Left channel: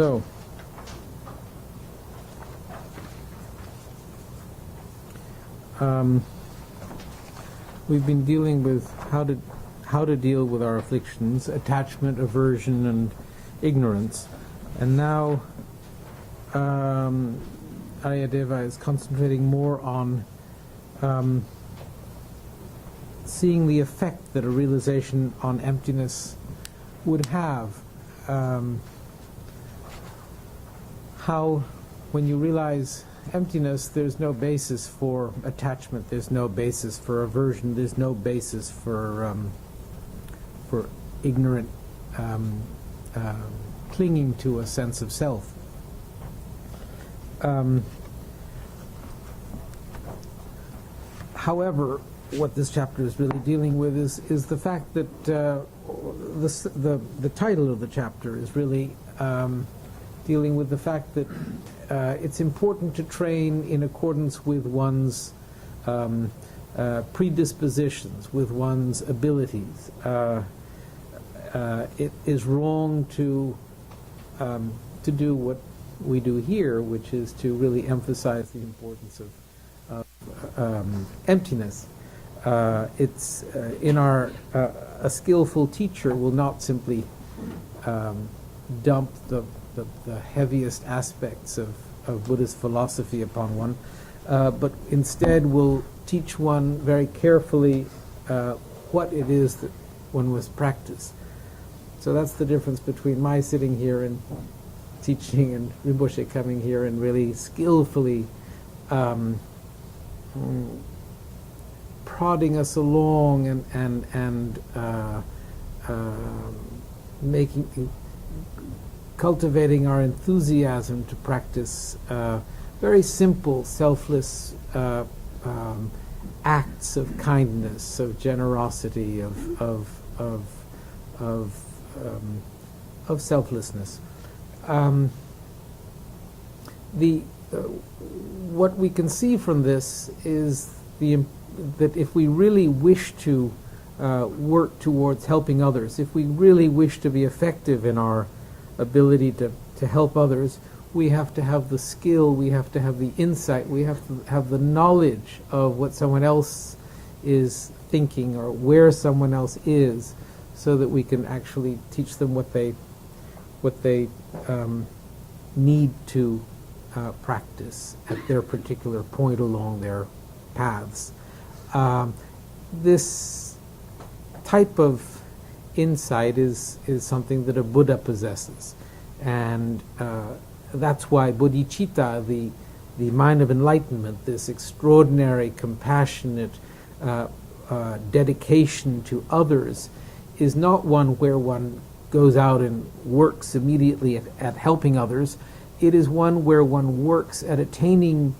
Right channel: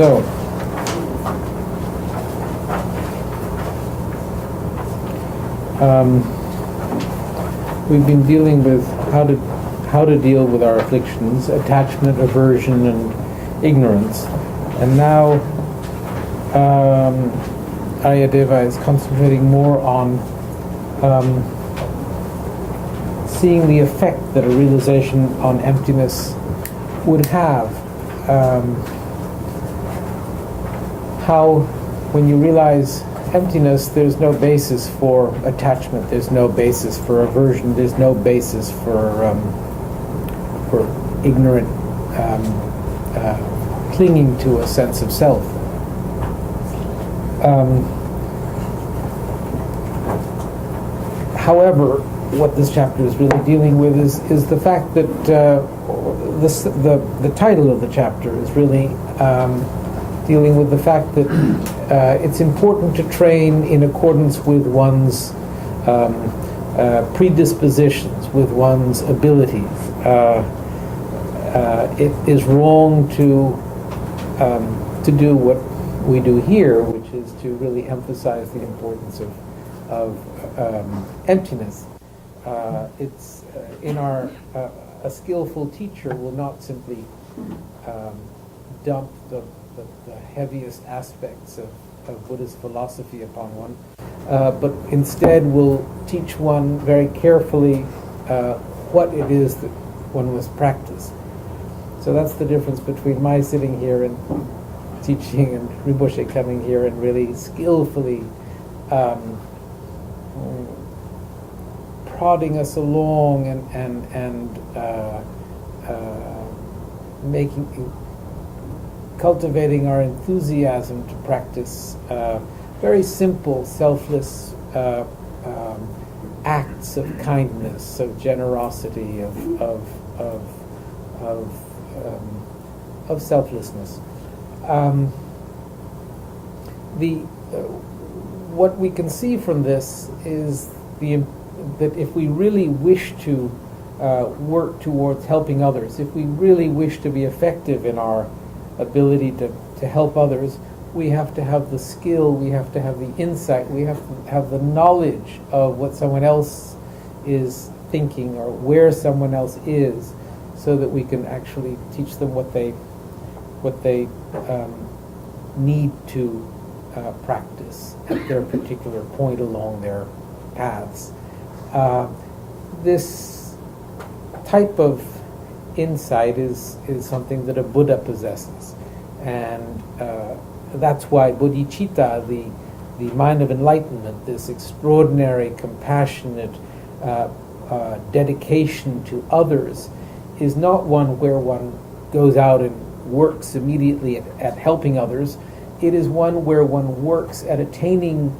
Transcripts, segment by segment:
So, we've been dealing with how to deal with our afflictions, attachment, aversion, and ignorance, and now Aryadeva is concentrating more on seeing the effect that a realization on emptiness would have. How, when you realize emptiness, there's no basis for attachment, there's no basis for aversion, there's no basis for ignorant clinging to a sense of self. However, what this chapter is really dealing with is the fact that the title of the chapter is really dealing with the fact that it's important to train in accordance with one's predispositions, with one's abilities. It is wrong to do what we do here, which is to really emphasize the importance of emptiness. It's in our a skillful teacher will not simply dump the heaviest aspects of Buddhist philosophy upon one, but instead will teach one very carefully what it is that one must practice. So that's the difference between my sitting here and teaching and Rinpoche coming here and really skillfully prodding us along and cultivating our enthusiasm to practice very simple, selfless acts of kindness, of generosity, of selflessness. What we can see from this is that if we really wish to work towards helping others, if we really wish to be effective in our ability to help others, we have to have the skill, we have to have the insight, we have to have the knowledge of what someone else is thinking or where someone else is, so that we can actually teach them what they need to practice at their particular point along their paths. This type of insight is something that a Buddha possesses, and that's why bodhicitta, the mind of enlightenment, this extraordinary, compassionate dedication to others, is not one where one goes out and works immediately at helping others. It is one where one works at attaining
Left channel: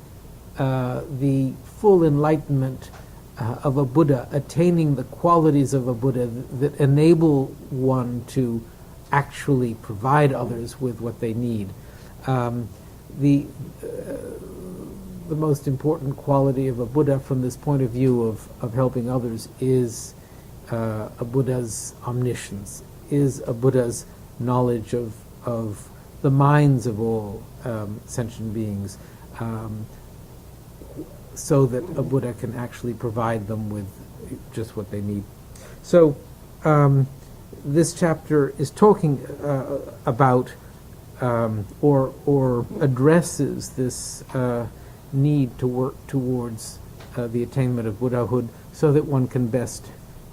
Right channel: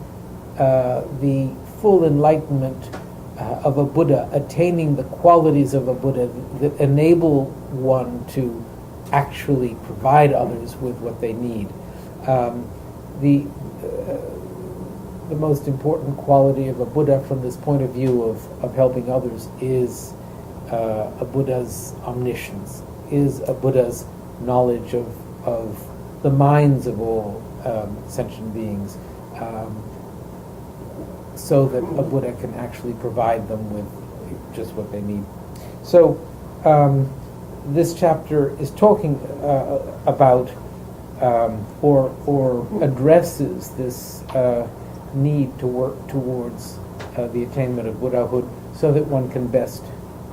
the full enlightenment of a Buddha, attaining the qualities of a Buddha that enable one to actually provide others with what they need. The most important quality of a Buddha from this point of view of helping others is a Buddha's omniscience, is a Buddha's knowledge of the minds of all sentient beings, so that a Buddha can actually provide them with just what they need. So this chapter is talking about or addresses this need to work towards the attainment of Buddhahood so that one can best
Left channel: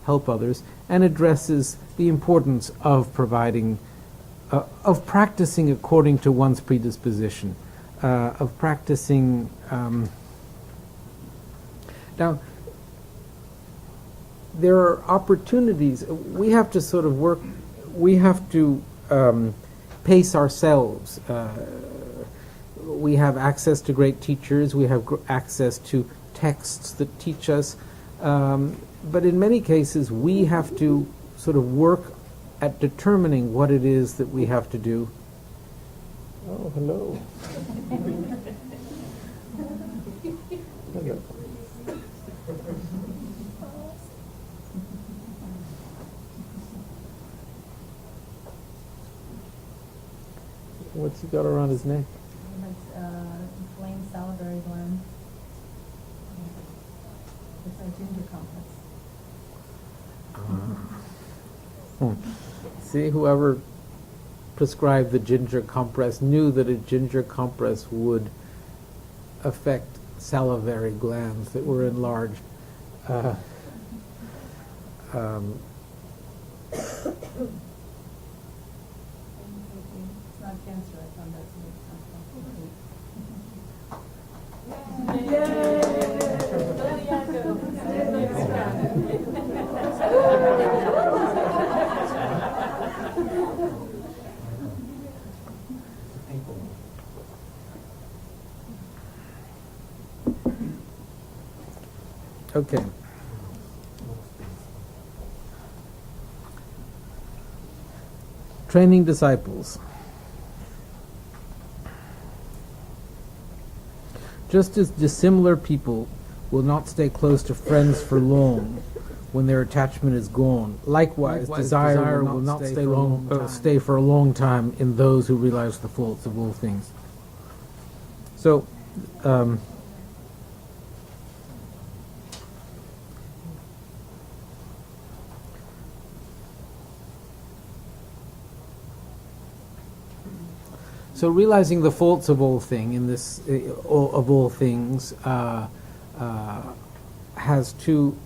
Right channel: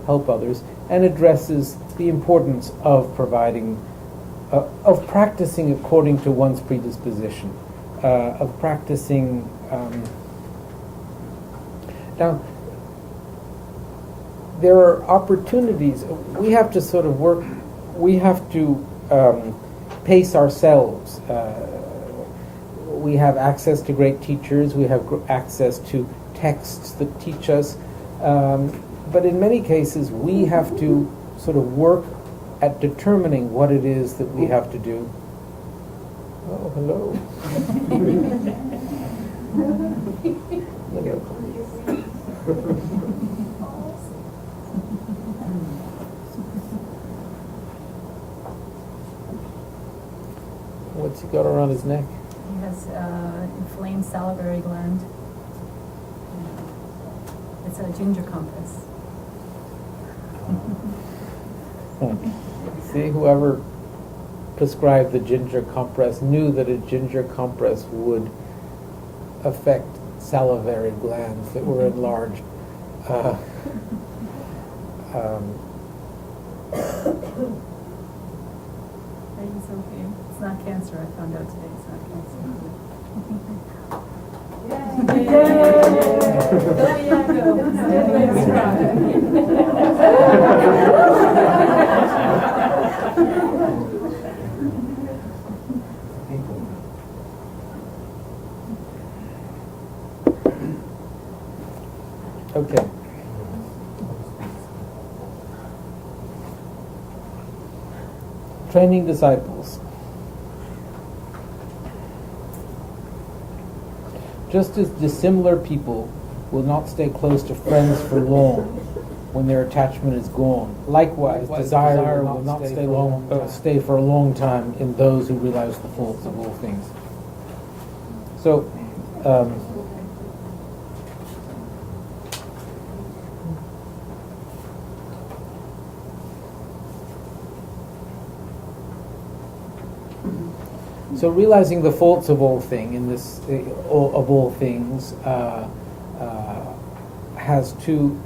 help others, and addresses the importance of providing, of practicing according to one's predisposition, of practicing. Now, there are opportunities. We have to sort of work. We have to pace ourselves. We have access to great teachers. We have access to texts that teach us. But in many cases, we have to sort of work at determining what it is that we have to do. Oh, hello. What's got around his neck? He has inflamed salivary gland. It's a ginger compass. See, whoever prescribed the ginger compress knew that a ginger compress would affect salivary glands that were enlarged. It's not cancer, I found out today. It's not Okay. Training disciples. Just as dissimilar people will not stay close to friends for long when their attachment is gone, likewise desire will not stay for a long time in those who realize the faults of all things. So, So realizing the faults of all things has two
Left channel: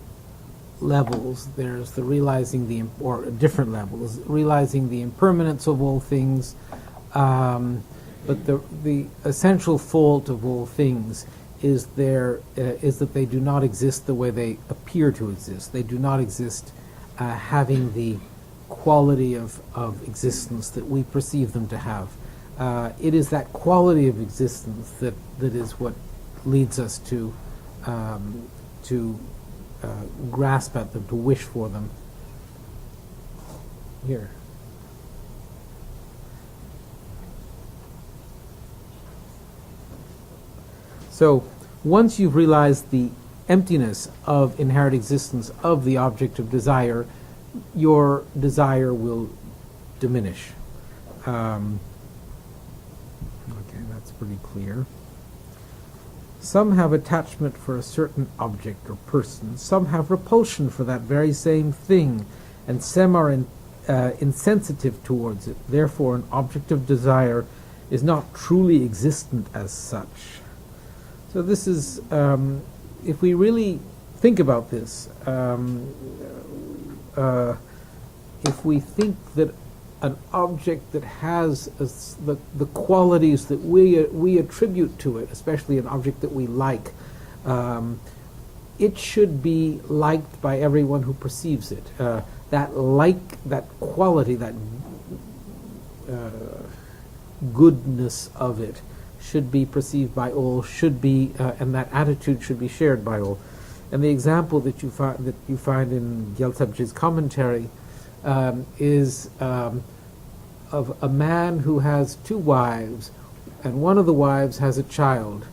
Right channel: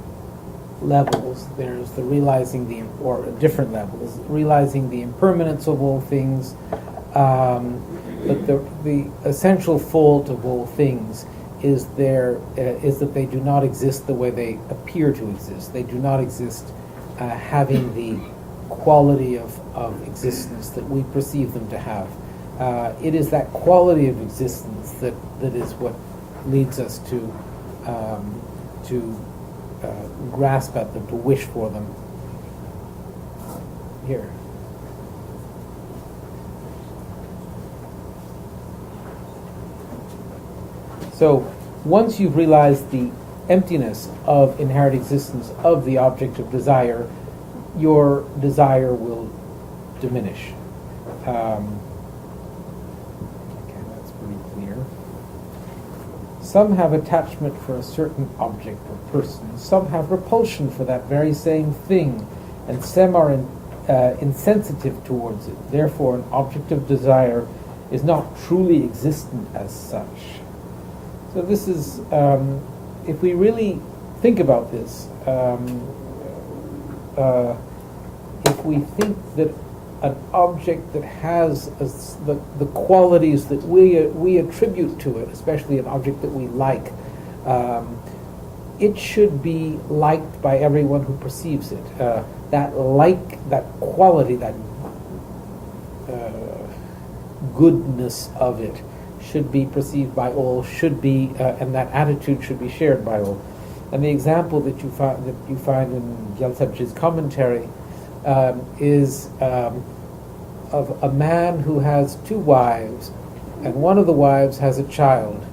levels. There's the realizing or different levels, realizing the impermanence of all things, but the essential fault of all things is that they do not exist the way they appear to exist. They do not exist having the quality of existence that we perceive them to have. It is that quality of existence that is what leads us to grasp at them, to wish for them. Here. So, once you've realized the emptiness of inherent existence of the object of desire, your desire will diminish. Pretty clear. Some have attachment for a certain object or person. Some have repulsion for that very same thing, and some are insensitive towards it. Therefore, an object of desire is not truly existent as such. So this is, if we really think about this, if we think that an object that has the qualities that we attribute to it, especially an object that we like, it should be liked by everyone who perceives it. That quality, that goodness of it should be perceived by all, and that attitude should be shared by all. And the example that you find in Gyaltsabji's commentary is of a man who has two wives, and one of the wives has a child,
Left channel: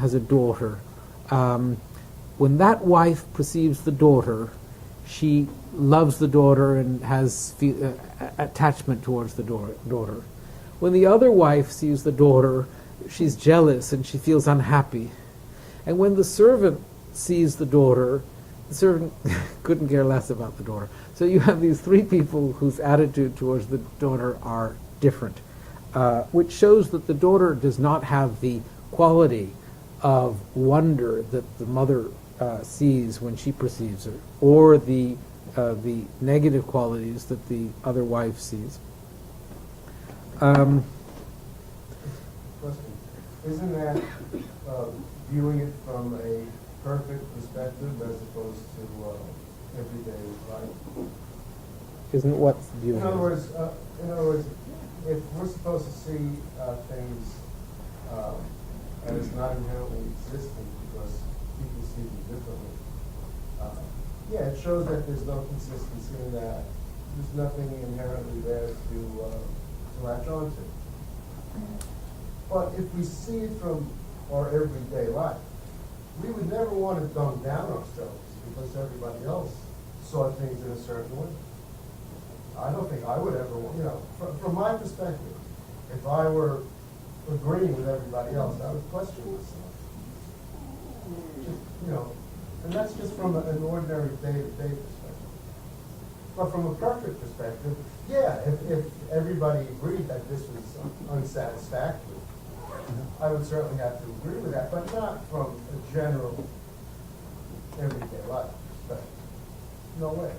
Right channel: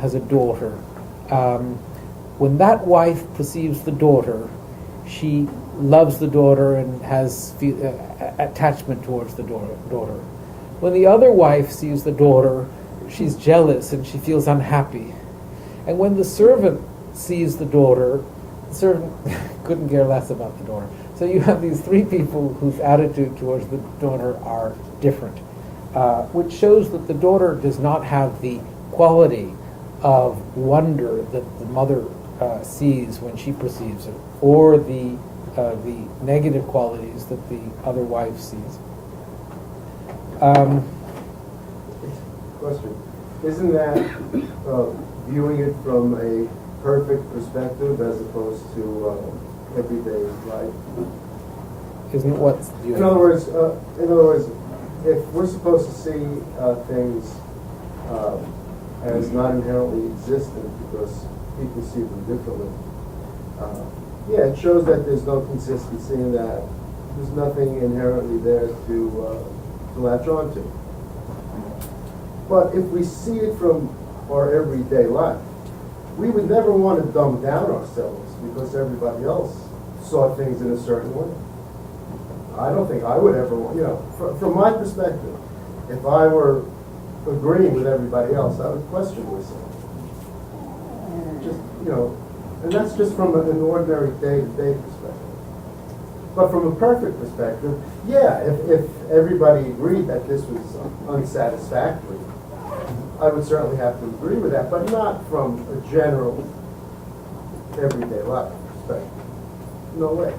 has a daughter. When that wife perceives the daughter, she loves the daughter and has attachment towards the daughter. When the other wife sees the daughter, she's jealous and she feels unhappy. And when the servant sees the daughter, the servant couldn't care less about the daughter. So you have these three people whose attitude towards the daughter are different, which shows that the daughter does not have the quality of wonder that the mother sees when she perceives her, or the negative qualities that the other wife sees. Question. Isn't that viewing it from a perfect perspective as opposed to everyday life? Isn't it what's viewing? In other words, if we're supposed to see things as not inherently existent because people see them differently, it shows that there's no consistency in that. There's nothing inherently there to latch on to. But if we see it from our everyday life, we would never want to dumb down ourselves because everybody else saw things in a certain way. I don't think I would ever want, from my perspective, if I were agreeing with everybody else, I would question myself. Just, and that's just from an ordinary day-to-day perspective. But from a perfect perspective, yeah, if everybody agreed that this was unsatisfactory, I would certainly have to agree with that, but not from a general, everyday life perspective. No way.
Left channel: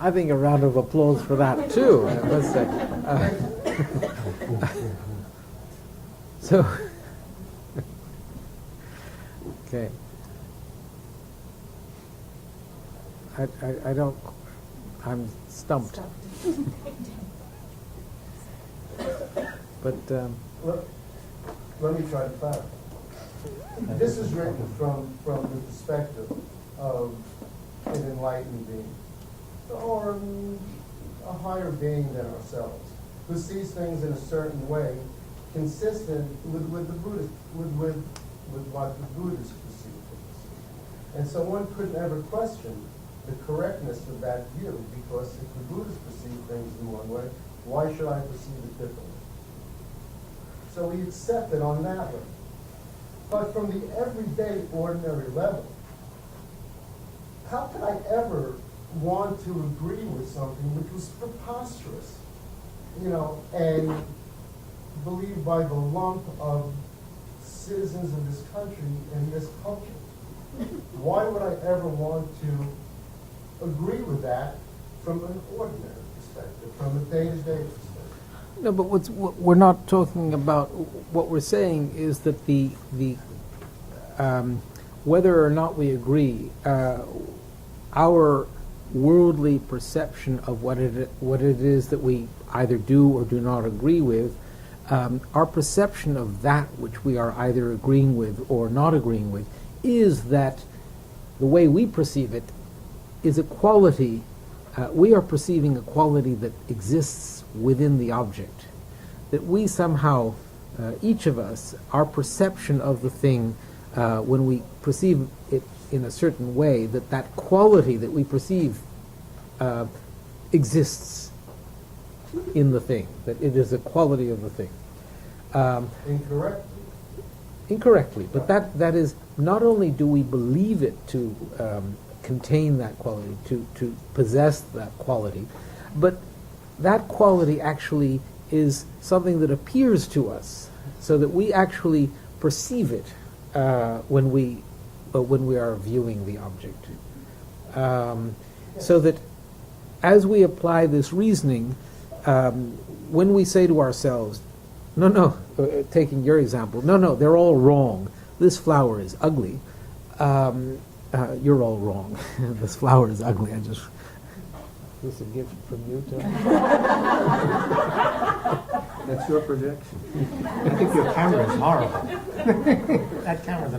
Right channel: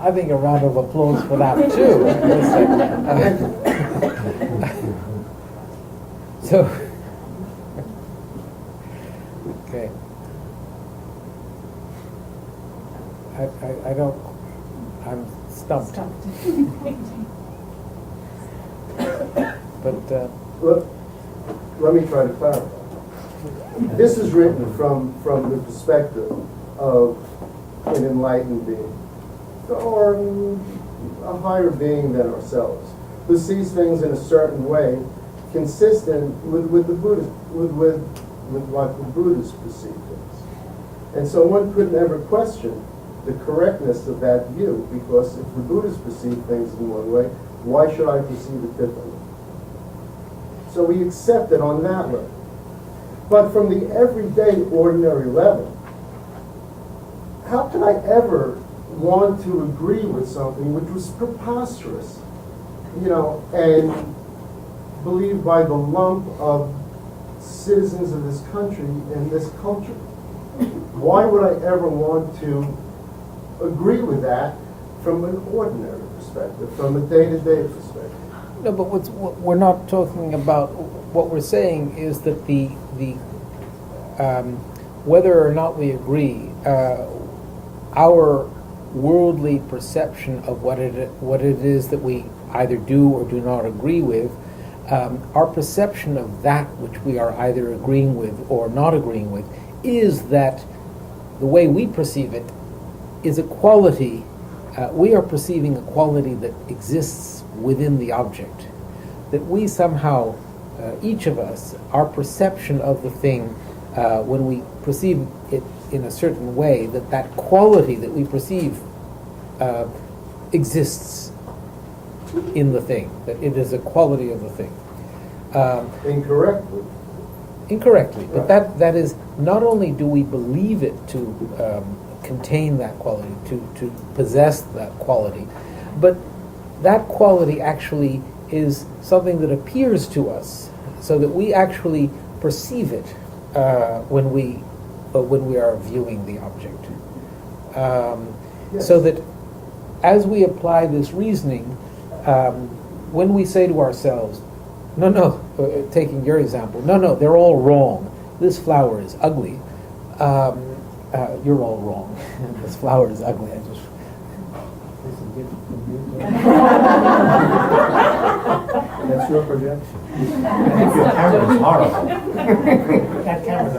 I think a round of applause for that too. So, okay. I'm stumped. But let me try to clarify. This is written from the perspective of an enlightened being, or a higher being than ourselves, who sees things in a certain way, consistent with the Buddha, with what the Buddhists perceive things. And so one could never question the correctness of that view, because if the Buddhists perceive things in one way, why should I perceive it differently? So we accept it on that level. But from the everyday, ordinary level, how could I ever want to agree with something which was preposterous, and believed by the lump of citizens of this country and this culture? Why would I ever want to agree with that from an ordinary perspective, from a day-to-day perspective? no, but what we're not talking about. What we're saying is that the whether or not we agree, our worldly perception of what it is that we either do or do not agree with, our perception of that which we are either agreeing with or not agreeing with, is that the way we perceive it is a quality. We are perceiving a quality that exists within the object. That we somehow, each of us, our perception of the thing, when we perceive it in a certain way, that quality that we perceive exists in the thing, that it is a quality of the thing. Incorrectly. Incorrectly, but Right. that is, not only do we believe it to contain that quality, to possess that quality, but that quality actually is something that appears to us, so that we actually perceive it when we are viewing the object. Yes. So that as we apply this reasoning, when we say to ourselves, taking your example, no, they're all wrong. This flower is ugly. You're all wrong. This flower is ugly. This is a gift from you too. That's your projection. I think your camera's horrible. That camera's a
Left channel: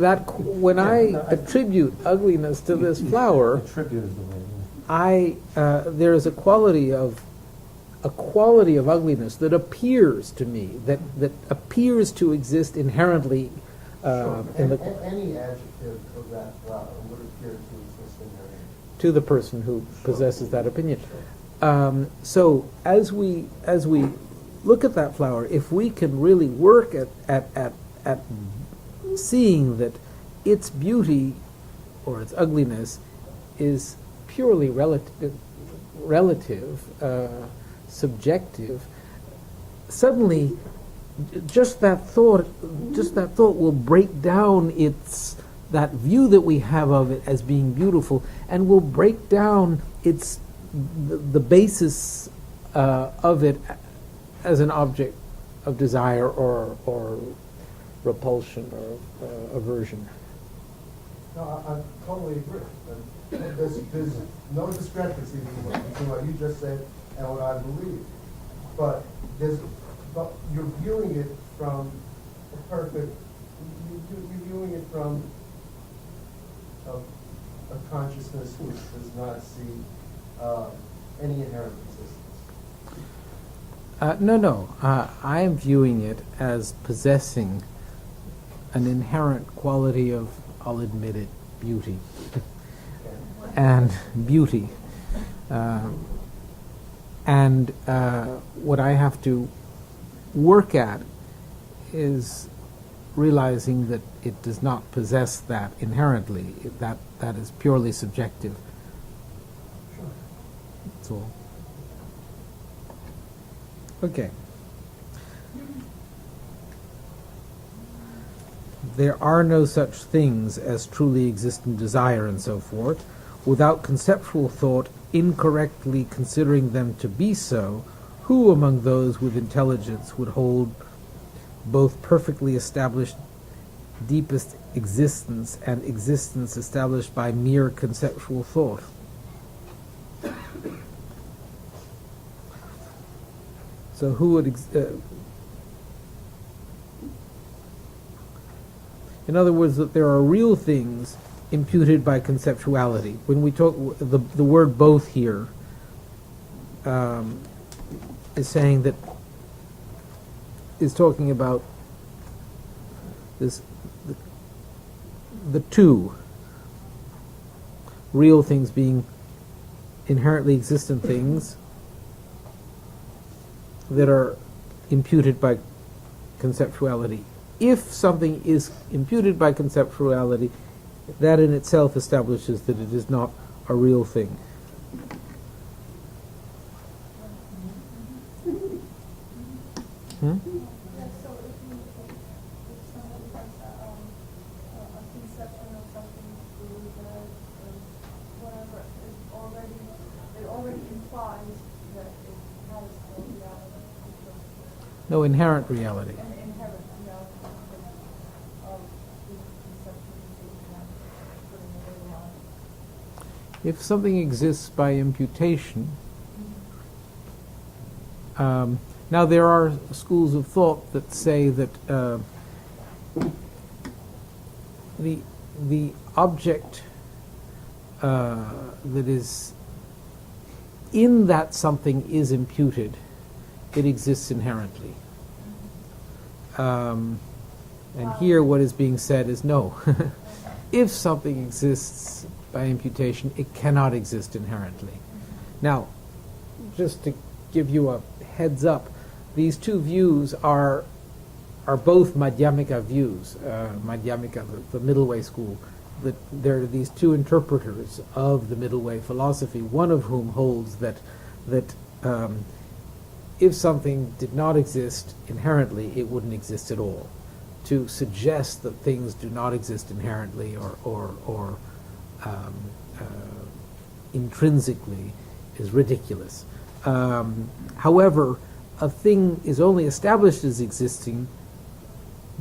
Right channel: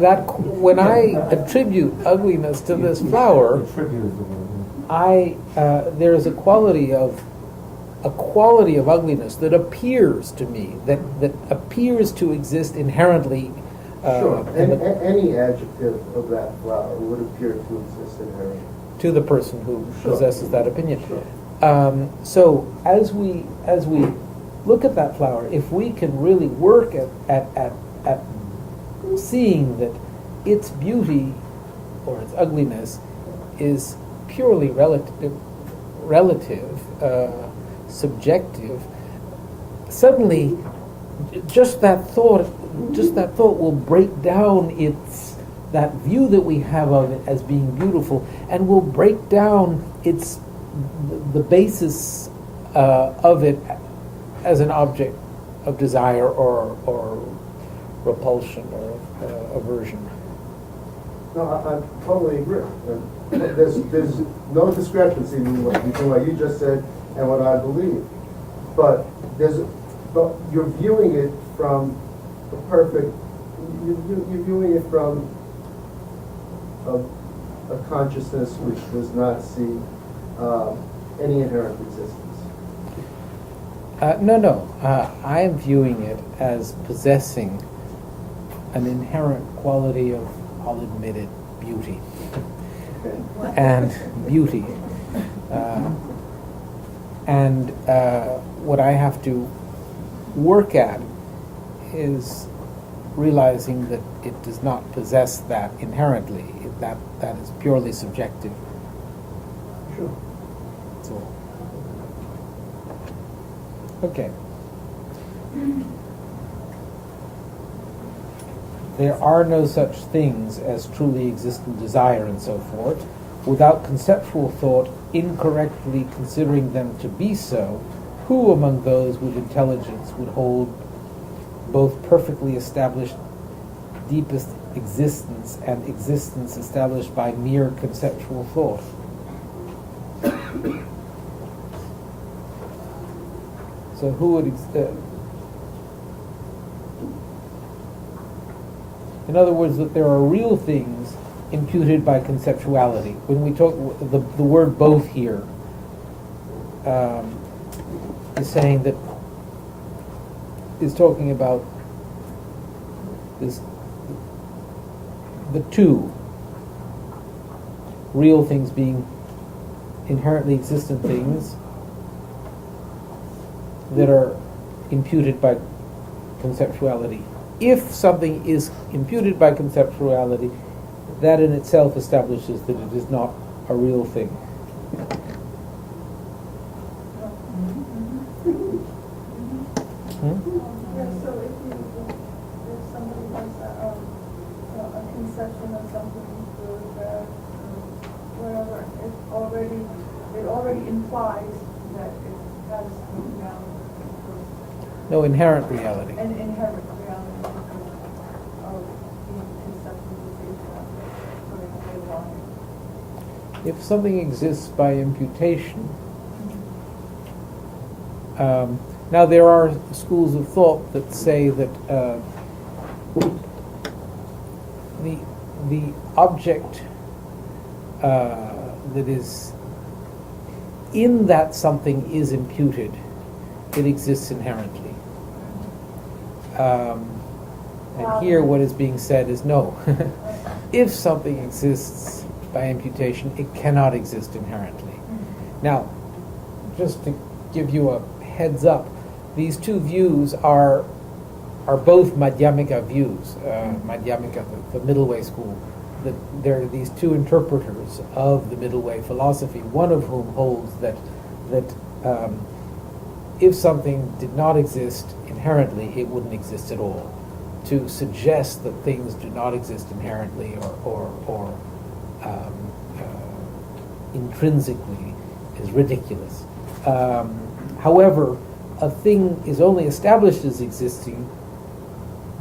That when I attribute ugliness to this flower, Attribute is the word. there is a quality of ugliness that appears to me, that appears to exist inherently. Sure. Any adjective of that flower would appear to exist inherently. To the person who Sure. possesses that opinion. Sure. So as we look at that flower, if we can really work at seeing that its beauty or its ugliness is purely relative, subjective, suddenly just that thought will break down that view that we have of it as being beautiful, and will break down the basis of it as an object of desire or repulsion or aversion. No, I totally agree. There's no discrepancy between what you just said and what I believe. But you're viewing it from a perfect. You're viewing it from a consciousness which does not see any inherent existence. No. I am viewing it as possessing an inherent quality of, I'll admit it, beauty. Okay. And beauty. And what I have to work at is realizing that it does not possess that inherently. That is purely subjective. Sure. That's all. Okay. There are no such things as truly existent desire and so forth. Without conceptual thought, incorrectly considering them to be so, who among those with intelligence would hold both perfectly established deepest existence and existence established by mere conceptual thought? So who would... in other words, that there are real things imputed by conceptuality. When we talk, the word both here is saying that, is talking about this, the two real things being inherently existent things that are imputed by conceptuality. If something is imputed by conceptuality, that in itself establishes that it is not a real thing. Yeah, so if somebody has a conception of something good, bad, whatever, it already implies that it has no reality. No inherent reality. An inherent reality because of the conception that they putting a label on it. If something exists by imputation, now there are schools of thought that say that the object that is in that something is imputed, it exists inherently. And here what is being said is no. If something exists by imputation, it cannot exist inherently. Now, just to give you a heads up, these two views are both Madhyamika views. Madhyamika, the middle way school. There are these two interpreters of the middle way philosophy, one of whom holds that if something did not exist inherently, it wouldn't exist at all. To suggest that things do not exist inherently or intrinsically is ridiculous. However, a thing is only established as existing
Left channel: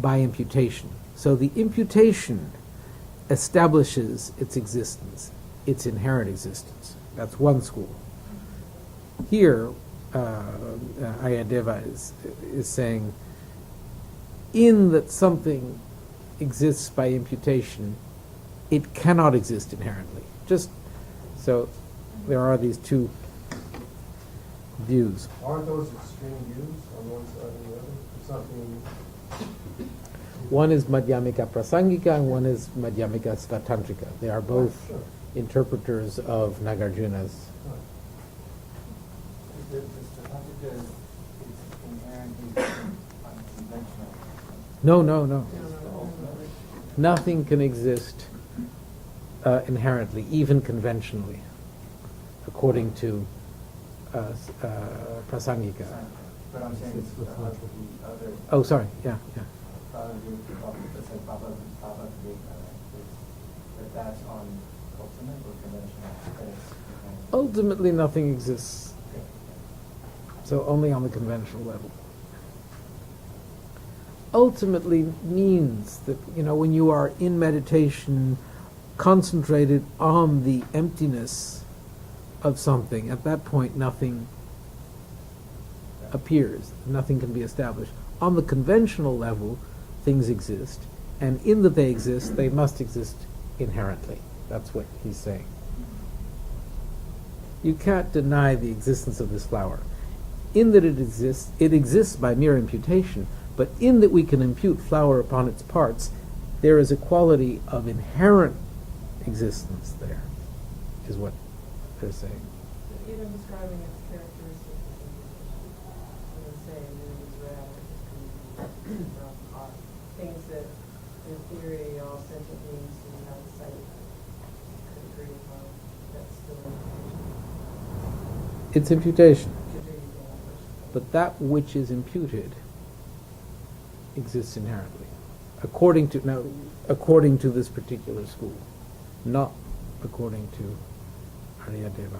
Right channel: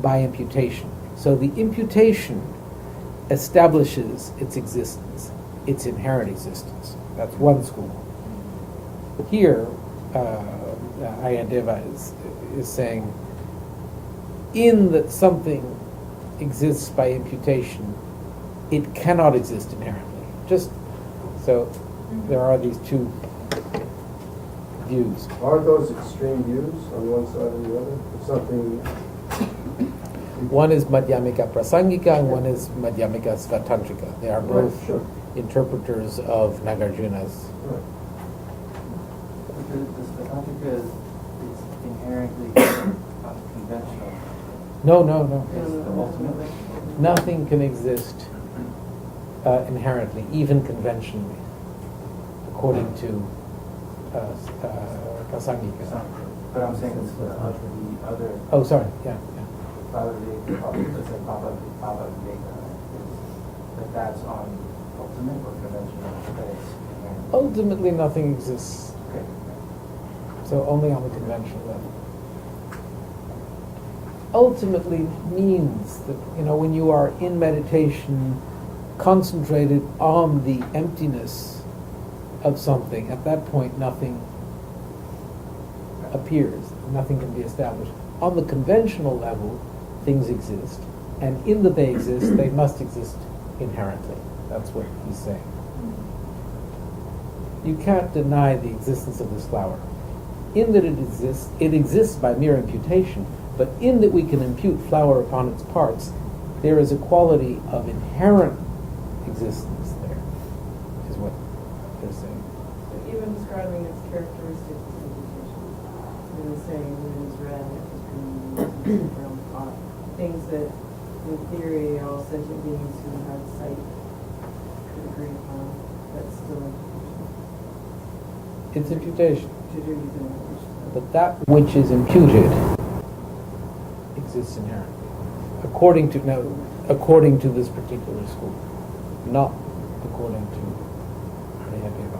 by imputation. So the imputation establishes its existence, its inherent existence. That's one school. Here, Aryadeva is saying, in that something exists by imputation, it cannot exist inherently. Just so there are these two views. Aren't those extreme views on one side or the other? If something... One is Madhyamika Prasangika and one is Madhyamika Svatantrika. They are both interpreters of Nagarjuna's. Right. The Svatantrika is inherently conventional. No. It's the ultimate. Nothing can exist inherently, even conventionally, according to Prasangika. But I'm saying it's the other. Oh, sorry. Yeah. Baba Viveka, that that's on ultimate or conventional? Ultimately, nothing exists. Okay. So only on the conventional level. Ultimately means that, when you are in meditation, concentrated on the emptiness of something, at that point nothing appears, nothing can be established. On the conventional level, things exist, and in that they exist, they must exist inherently. That's what he's saying. You can't deny the existence of this flower. In that it exists by mere imputation, but in that we can impute flower upon its parts, there is a quality of inherent existence there, is what they're saying. Even describing its characteristics saying when it's red, it's green, from things that, in theory, all sentient beings who have sight could agree upon. That's still imputation. It's imputation. But that which is imputed exists inherently, according to this particular school, not according to Aryadeva.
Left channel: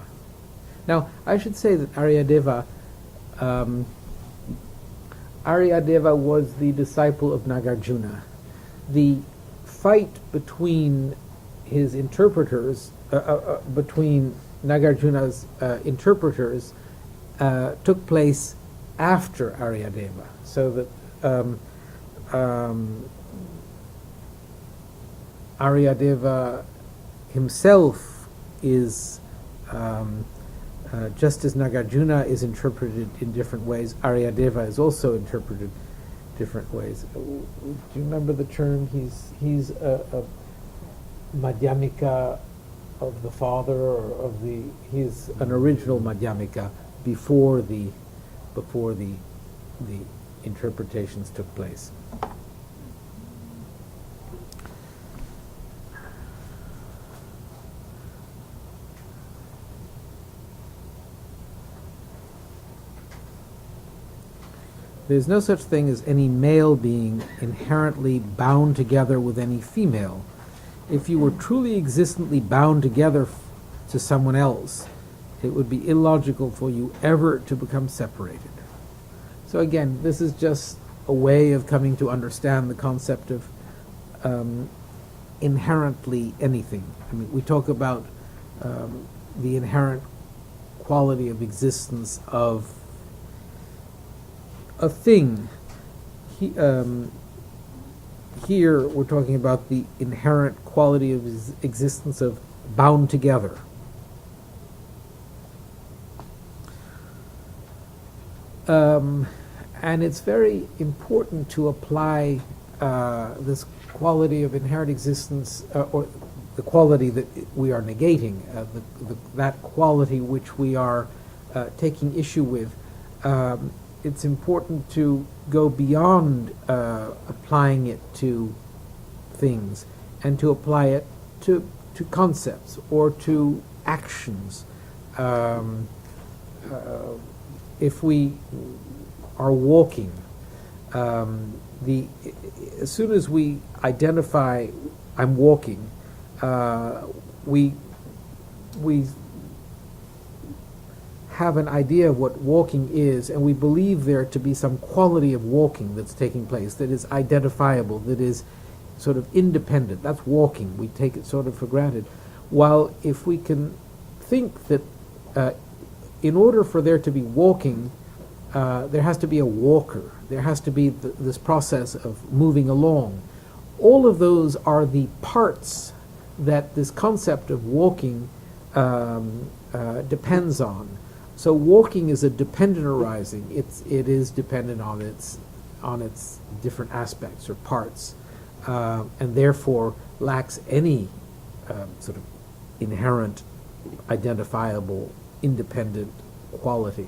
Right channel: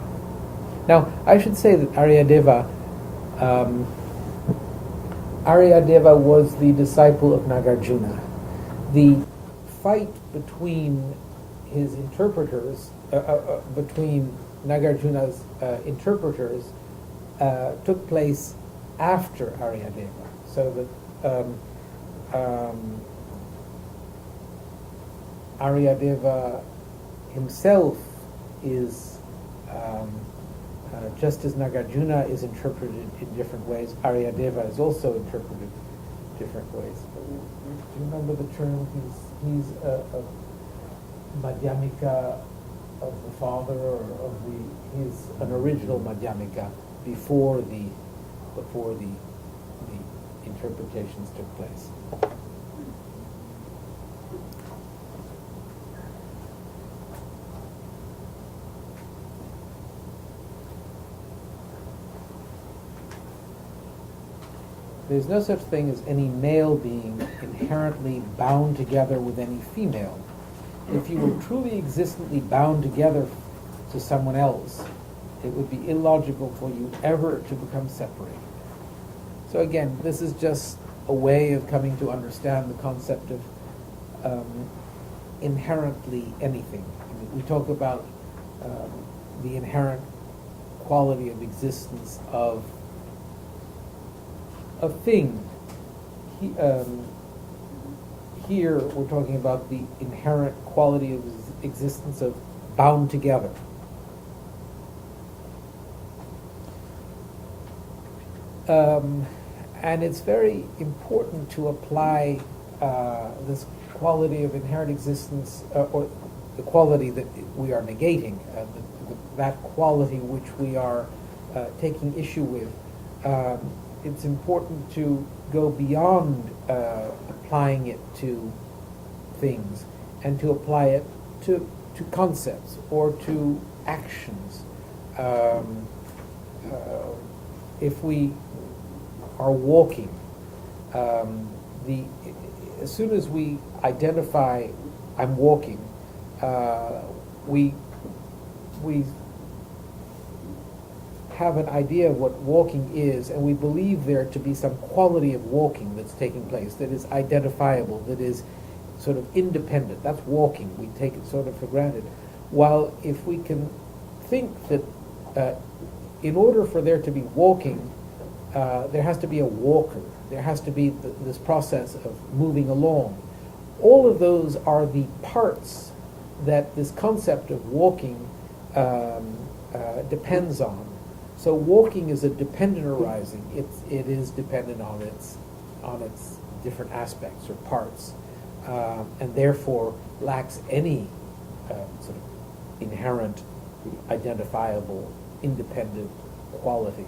Now, I should say that Aryadeva was the disciple of Nagarjuna. The fight between his interpreters, between Nagarjuna's interpreters, took place after Aryadeva, so that Aryadeva himself is, just as Nagarjuna is interpreted in different ways, Aryadeva is also interpreted different ways. Do you remember the term? He's a Madhyamika of the father, or he's an original Madhyamika before the interpretations took place. There's no such thing as any male being inherently bound together with any female. If you were truly existently bound together to someone else, it would be illogical for you ever to become separated. So again, this is just a way of coming to understand the concept of inherently anything. I mean, we talk about the inherent quality of existence of a thing. Here we're talking about the inherent quality of existence of bound together. And it's very important to apply this quality of inherent existence, or the quality that we are negating, that quality which we are taking issue with. It's important to go beyond applying it to things and to apply it to concepts or to actions. If we are walking, as soon as we identify I'm walking, we have an idea of what walking is, and we believe there to be some quality of walking that's taking place, that is identifiable, that is sort of independent. That's walking. We take it sort of for granted. While if we can think that in order for there to be walking, there has to be a walker. There has to be this process of moving along. All of those are the parts that this concept of walking depends on. So walking is a dependent arising. It is dependent on its different aspects or parts, and therefore lacks any sort of inherent, identifiable, independent quality.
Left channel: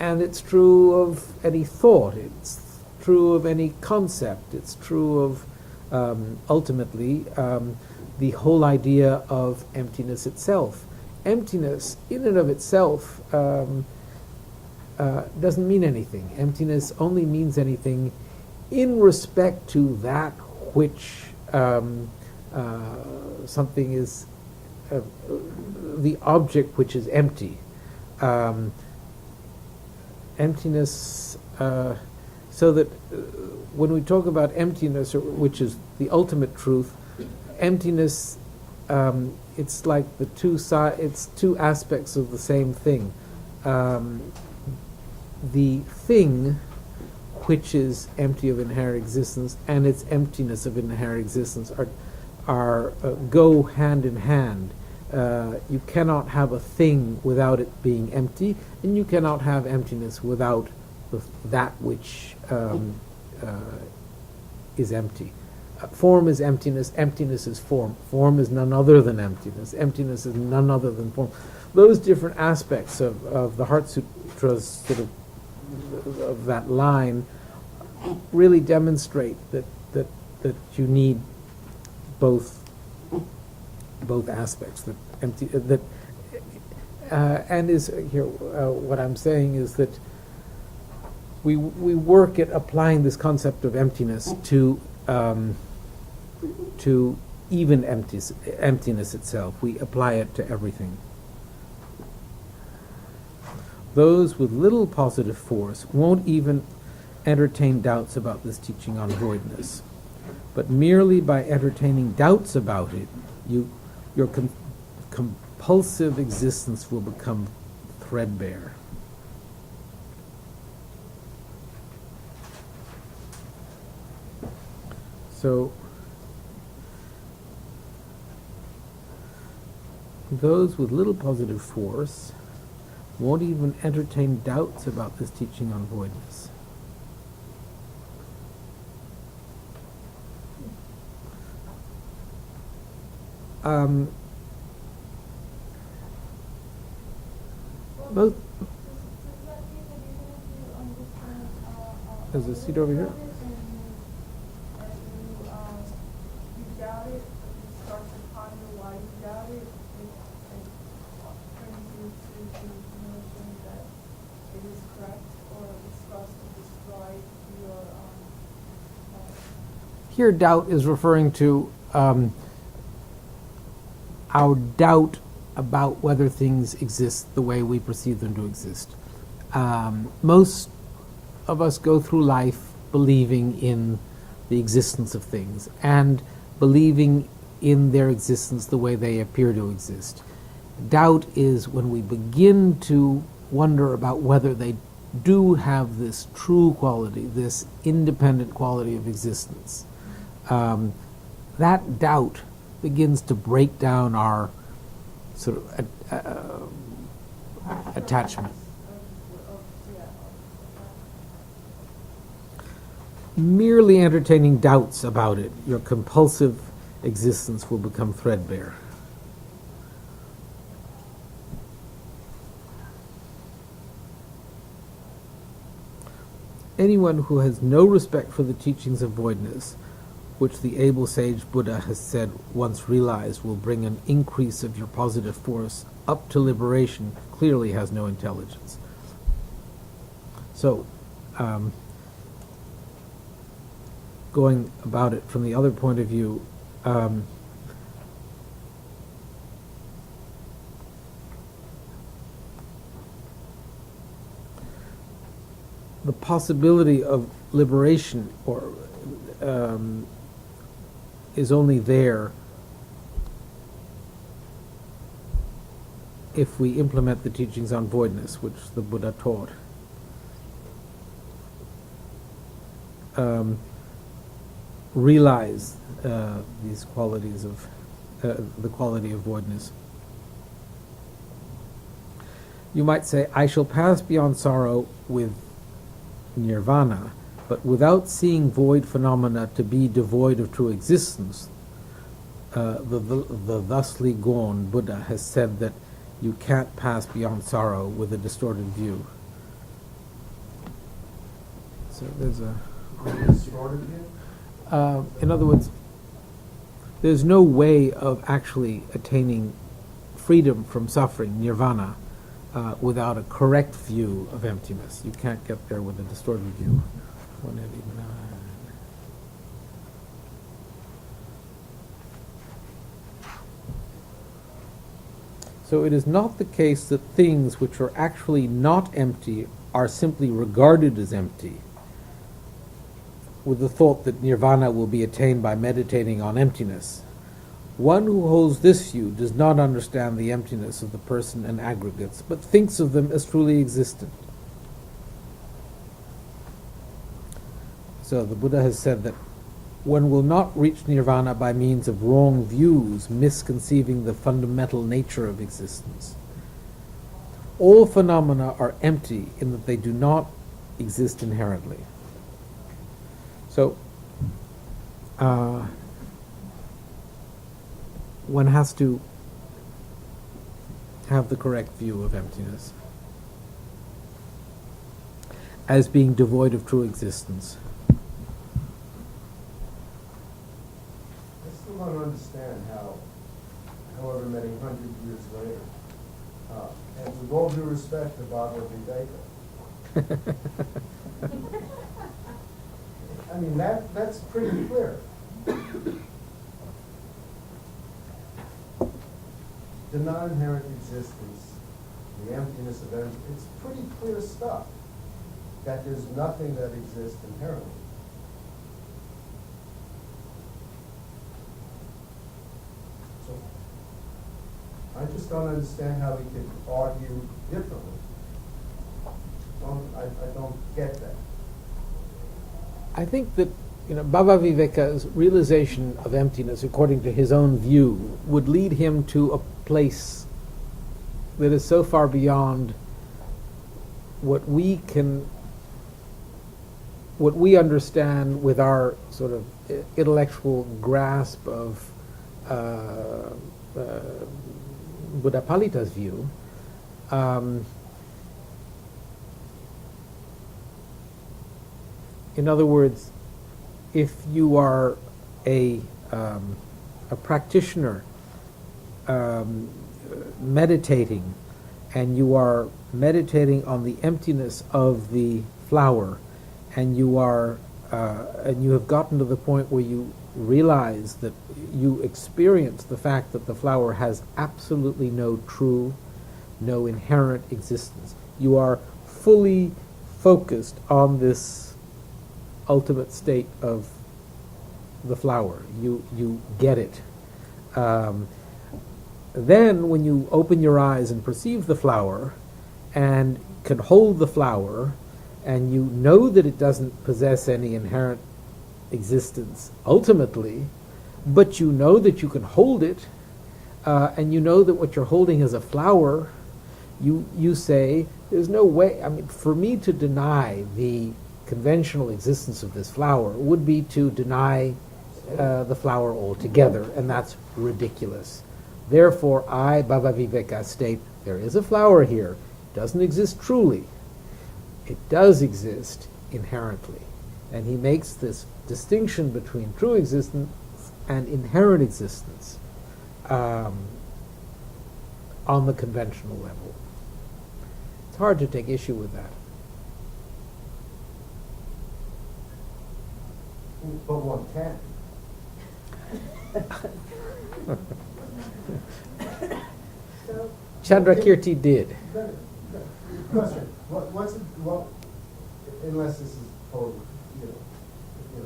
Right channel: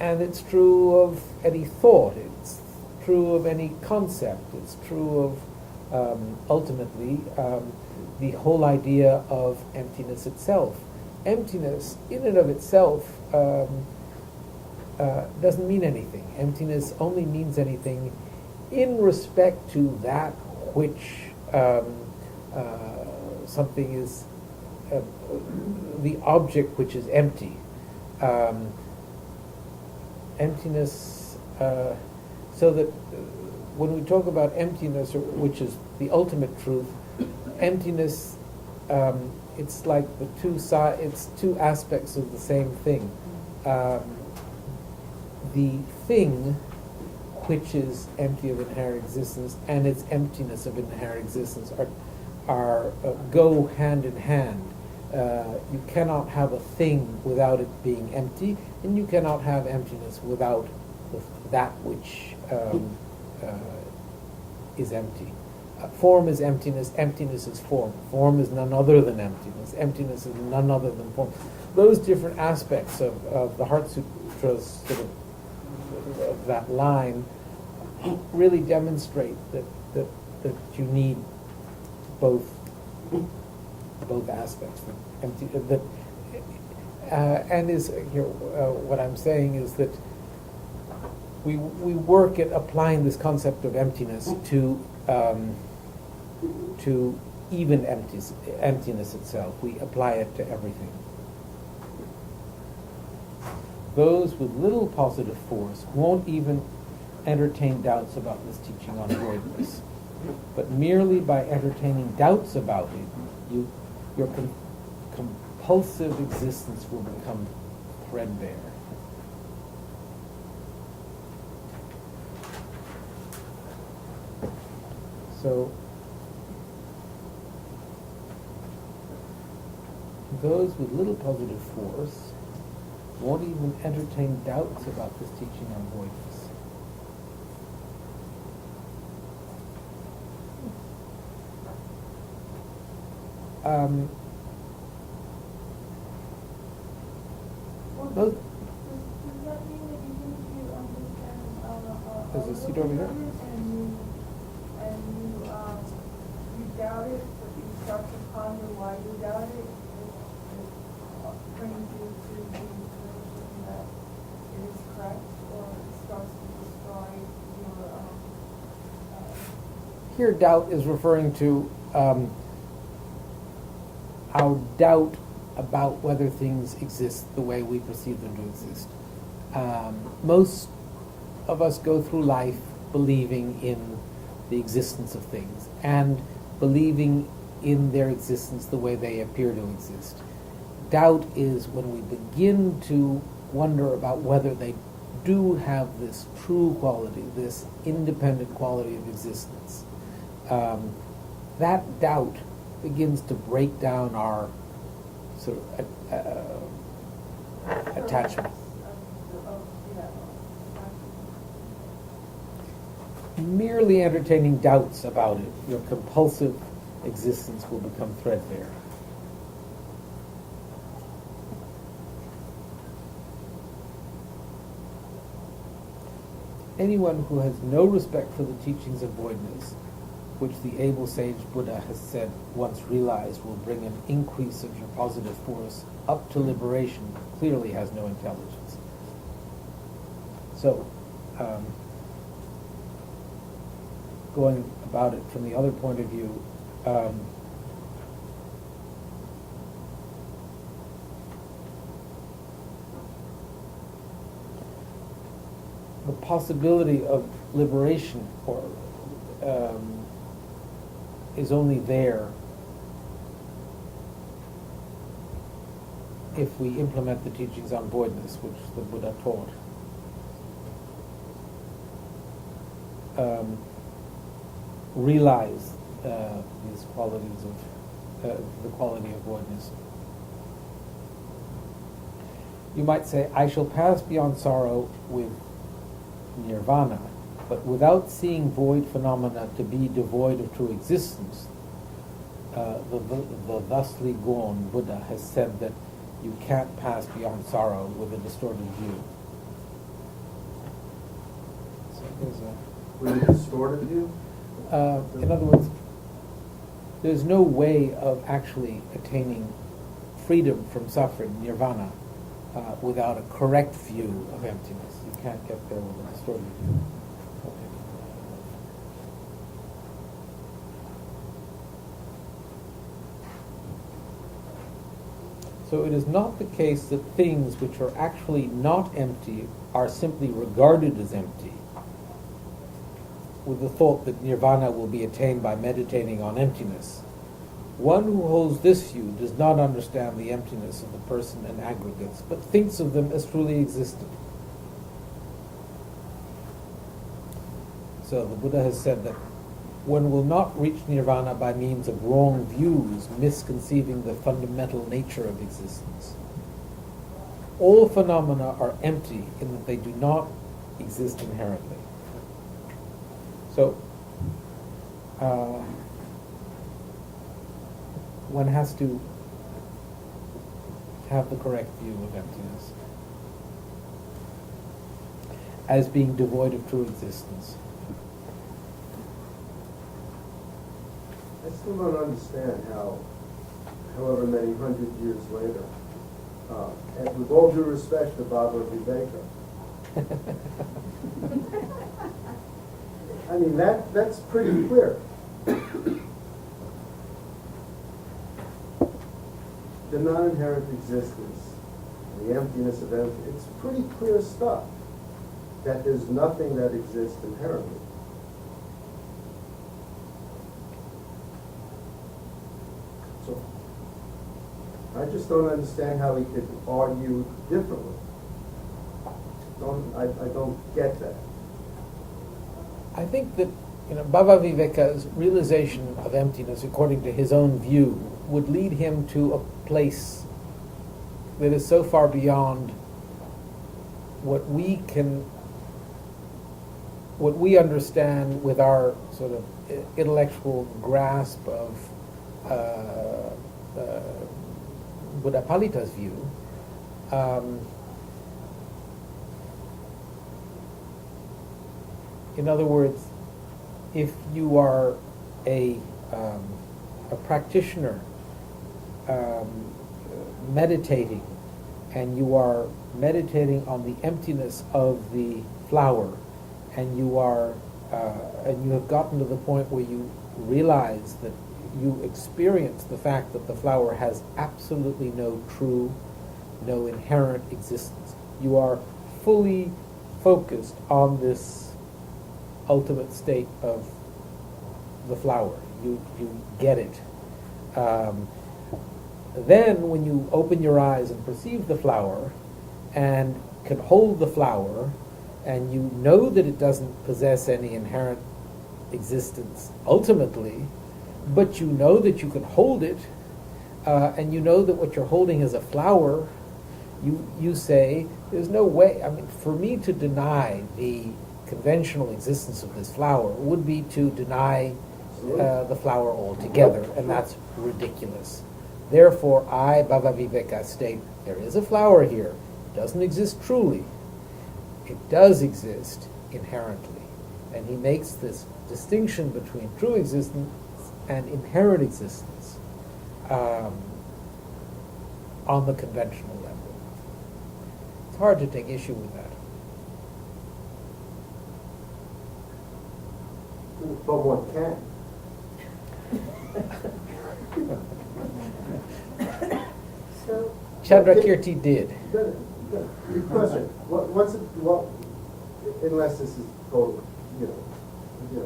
And it's true of any thought. It's true of any concept. It's true of ultimately the whole idea of emptiness itself. Emptiness, in and of itself, doesn't mean anything. Emptiness only means anything in respect to that which something is, the object which is empty. Emptiness, so that when we talk about emptiness, which is the ultimate truth, emptiness, it's like it's two aspects of the same thing. The thing which is empty of inherent existence and its emptiness of inherent existence are go hand in hand. You cannot have a thing without it being empty, and you cannot have emptiness without that which is empty. Form is emptiness, emptiness is form. Form is none other than emptiness. Emptiness is none other than form. Those different aspects of the Heart Sutra's sort of of that line really demonstrate that you need both aspects. That empty and is here. What I'm saying is that we work at applying this concept of emptiness to even emptiness itself. We apply it to everything. Those with little positive force won't even entertain doubts about this teaching on voidness, but merely by entertaining doubts about it, your compulsive existence will become threadbare. So, those with little positive force won't even entertain doubts about this teaching on voidness. Both. Does that mean that even if you understand There's a seat over there. and you doubt it, but you start to ponder why you doubt it, it brings you to the notion that it is correct, or it starts to destroy your Here, doubt is referring to our doubt about whether things exist the way we perceive them to exist. Most of us go through life believing in the existence of things and believing in their existence the way they appear to exist. Doubt is when we begin to wonder about whether they do have this true quality, this independent quality of existence. That doubt begins to break down our sort of attachment. Merely entertaining doubts about it, your compulsive existence will become threadbare. Anyone who has no respect for the teachings of voidness, which the able sage Buddha has said once realized will bring an increase of your positive force up to liberation, clearly has no intelligence. So, going about it from the other point of view, the possibility of liberation or is only there if we implement the teachings on voidness, which the Buddha taught. Realize these qualities of the quality of voidness. You might say, I shall pass beyond sorrow with nirvana, but without seeing void phenomena to be devoid of true existence, the thusly gone Buddha has said that you can't pass beyond sorrow with a distorted view. So there's a Distorted view? in other words, there's no way of actually attaining freedom from suffering, nirvana, without a correct view of emptiness. You can't get there with a distorted view. So it is not the case that things which are actually not empty are simply regarded as empty, with the thought that nirvana will be attained by meditating on emptiness. One who holds this view does not understand the emptiness of the person and aggregates, but thinks of them as truly existent. So the Buddha has said that one will not reach nirvana by means of wrong views, misconceiving the fundamental nature of existence. All phenomena are empty in that they do not exist inherently. So, one has to have the correct view of emptiness. as being devoid of true existence. I still don't understand how, however many hundred years later, and with all due respect to Baba Viveka, I mean, that's pretty clear. The non-inherent existence, the emptiness of empty, it's pretty clear stuff that there's nothing that exists inherently. So I just don't understand how he could argue differently. I don't get that. I think that Baba Viveka's realization of emptiness, according to his own view, would lead him to a place that is so far beyond what we understand with our sort of intellectual grasp of Buddha Palita's view. In other words, if you are a practitioner meditating, and you are meditating on the emptiness of the flower, and you have gotten to the point where you realize that you experience the fact that the flower has absolutely no inherent existence. You are fully focused on this ultimate state of the flower. You get it. Then when you open your eyes and perceive the flower and can hold the flower, and you know that it doesn't possess any inherent existence ultimately, but you know that you can hold it, and you know that what you're holding is a flower, you say, there's no way, for me to deny the conventional existence of this flower would be to deny the flower altogether, and that's ridiculous. Therefore, I, Baba Viveka, state there is a flower here. It doesn't exist truly. It does exist inherently. And he makes this distinction between true existence and inherent existence on the conventional level. It's hard to take issue with that. But one can. So, Chandrakirti did. Good. Question. Unless this is total,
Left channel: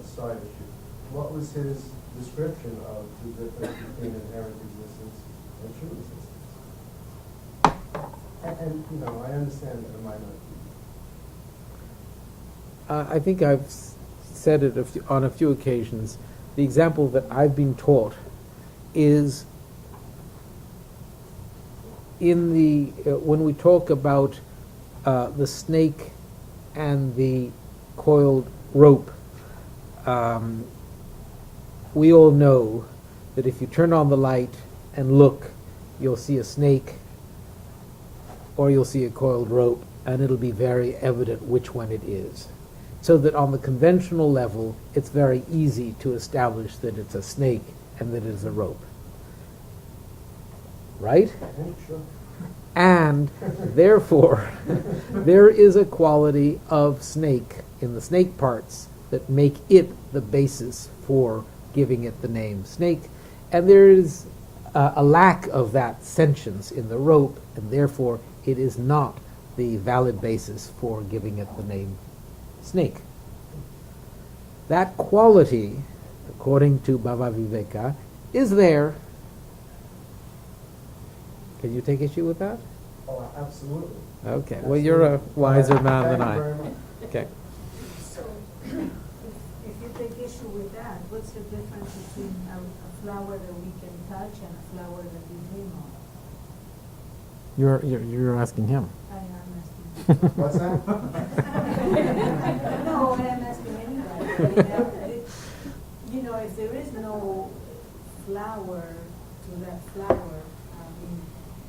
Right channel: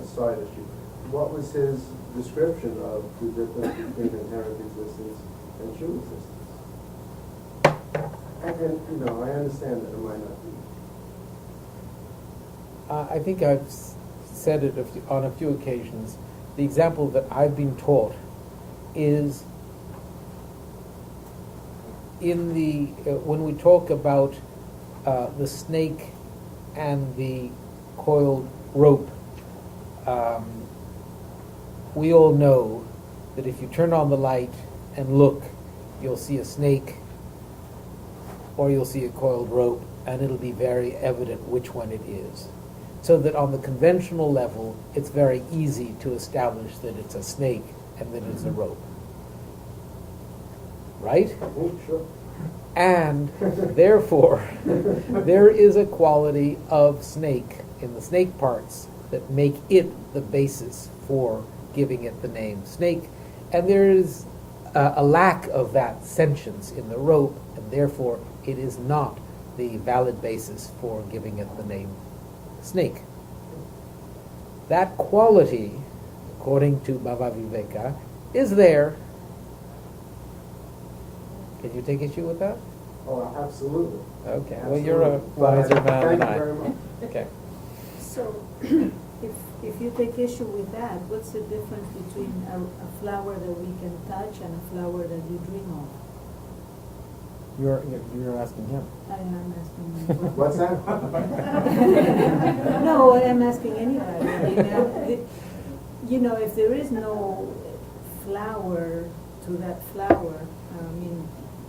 side issue, what was his description of the difference between inherent existence and true existence? And I understand that it might not be. I think I've said it on a few occasions. The example that I've been taught is in when we talk about the snake and the coiled rope. We all know that if you turn on the light and look, you'll see a snake or you'll see a coiled rope, and it'll be very evident which one it is. So that on the conventional level, it's very easy to establish that it's a snake and that it's a rope. Right? Sure. And therefore, there is a quality of snake in the snake parts that make it the basis for giving it the name snake. And there is a lack of that sentience in the rope, and therefore it is not the valid basis for giving it the name snake. That quality, according to Baba Viveka, is there. Can you take issue with that? Oh, absolutely. Okay. Absolutely. Well, you're a wiser man than Thank I. you very much. Okay. So, if you take issue with that, what's the difference between a flower that we can touch and a flower that we dream of? You're asking him. I am asking you. What's that? No, what I'm asking anybody. If there is no flower to that flower,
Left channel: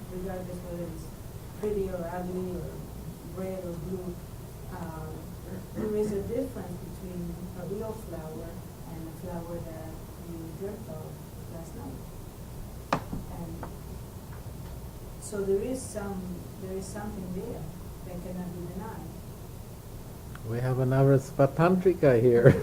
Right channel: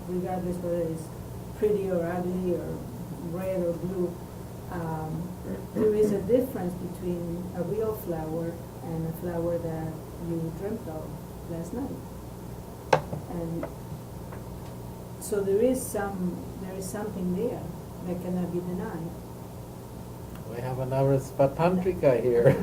regardless whether it's pretty or ugly or red or blue, there is a difference between a real flower and a flower that you dreamt of last night. And so there is something there that cannot be denied. We have another Svatantrika here.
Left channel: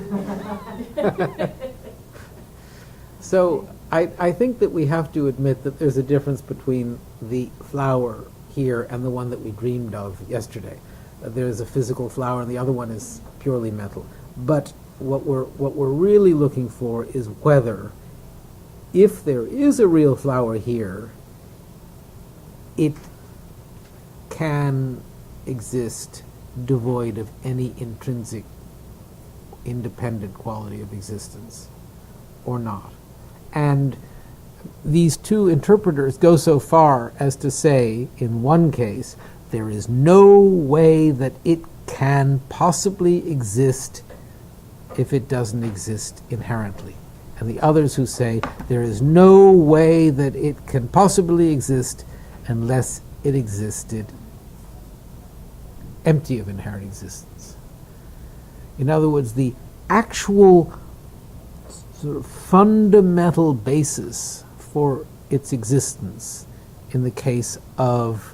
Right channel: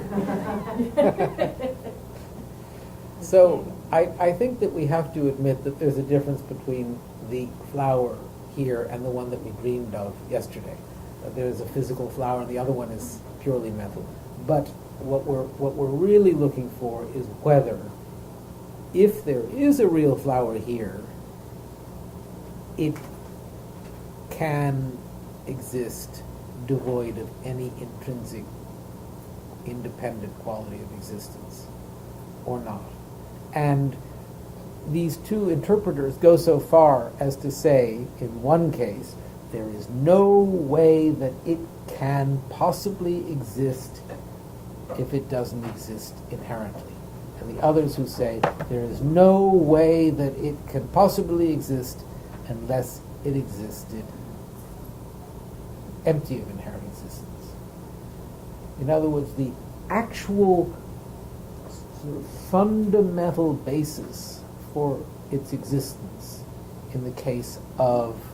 So I think that we have to admit that there's a difference between the flower here and the one that we dreamed of yesterday. There's a physical flower and the other one is purely mental. But what we're really looking for is whether, if there is a real flower here, it can exist devoid of any intrinsic, independent quality of existence, or not. And these two interpreters go so far as to say, in one case, there is no way that it can possibly exist if it doesn't exist inherently. And the others who say, there is no way that it can possibly exist unless it existed empty of inherent existence. In other words, the actual sort of fundamental basis for its existence in the case of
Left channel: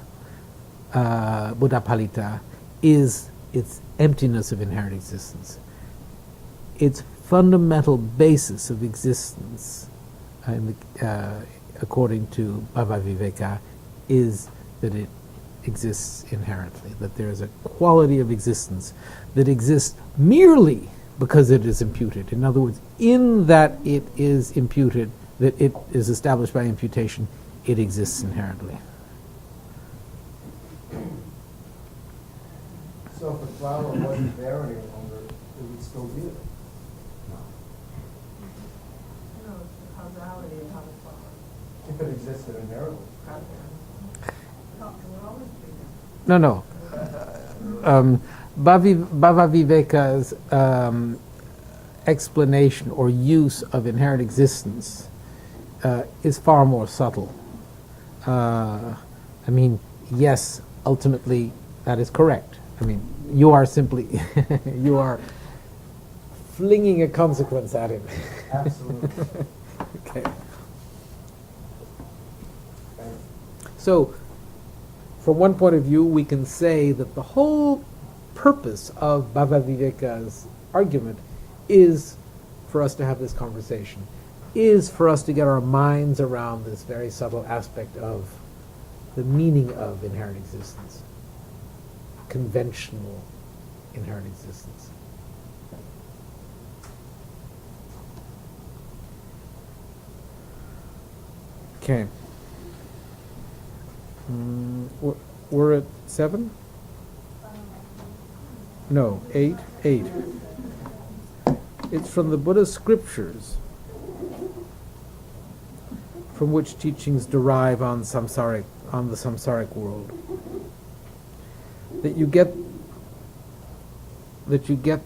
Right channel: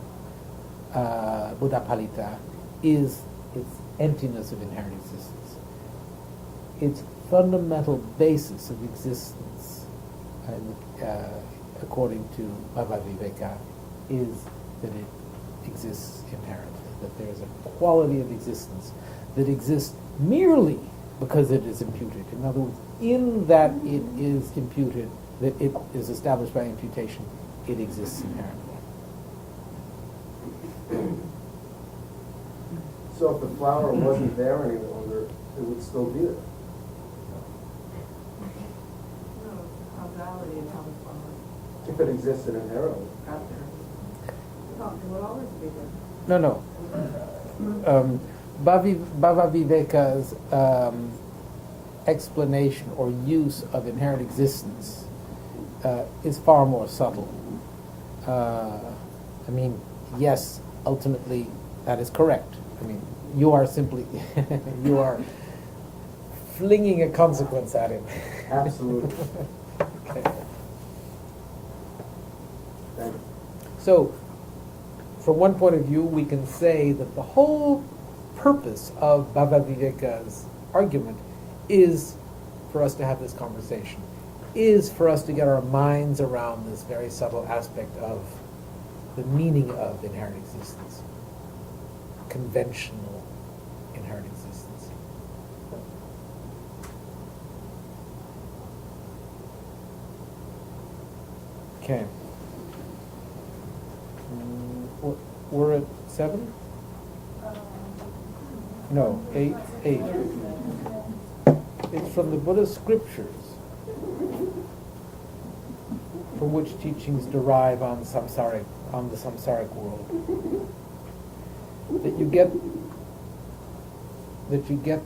Buddha Palita is its emptiness of inherent existence. Its fundamental basis of existence, according to Bhava Viveka, is that it exists inherently, that there is a quality of existence that exists merely because it is imputed. In other words, in that it is imputed, that it is established by imputation, it exists inherently. So if the flower wasn't there any longer, it would still be there. No, causality of how the flower If it existed inherently. got there. It would always be there. No. Bhava Viveka's explanation or use of inherent existence is far more subtle. I mean, yes, ultimately that is correct. I mean, you are simply, you are flinging a consequence at him. Absolutely. Okay. Thank you. So, from one point of view, we can say that the whole purpose of Bhava Viveka's argument is for us to have this conversation, is for us to get our minds around this very subtle aspect of the meaning of inherent existence, conventional inherent existence. Okay. We're at 7? No, 8. It's from the Buddha's scriptures, from which teachings derive on the samsaric world. That you get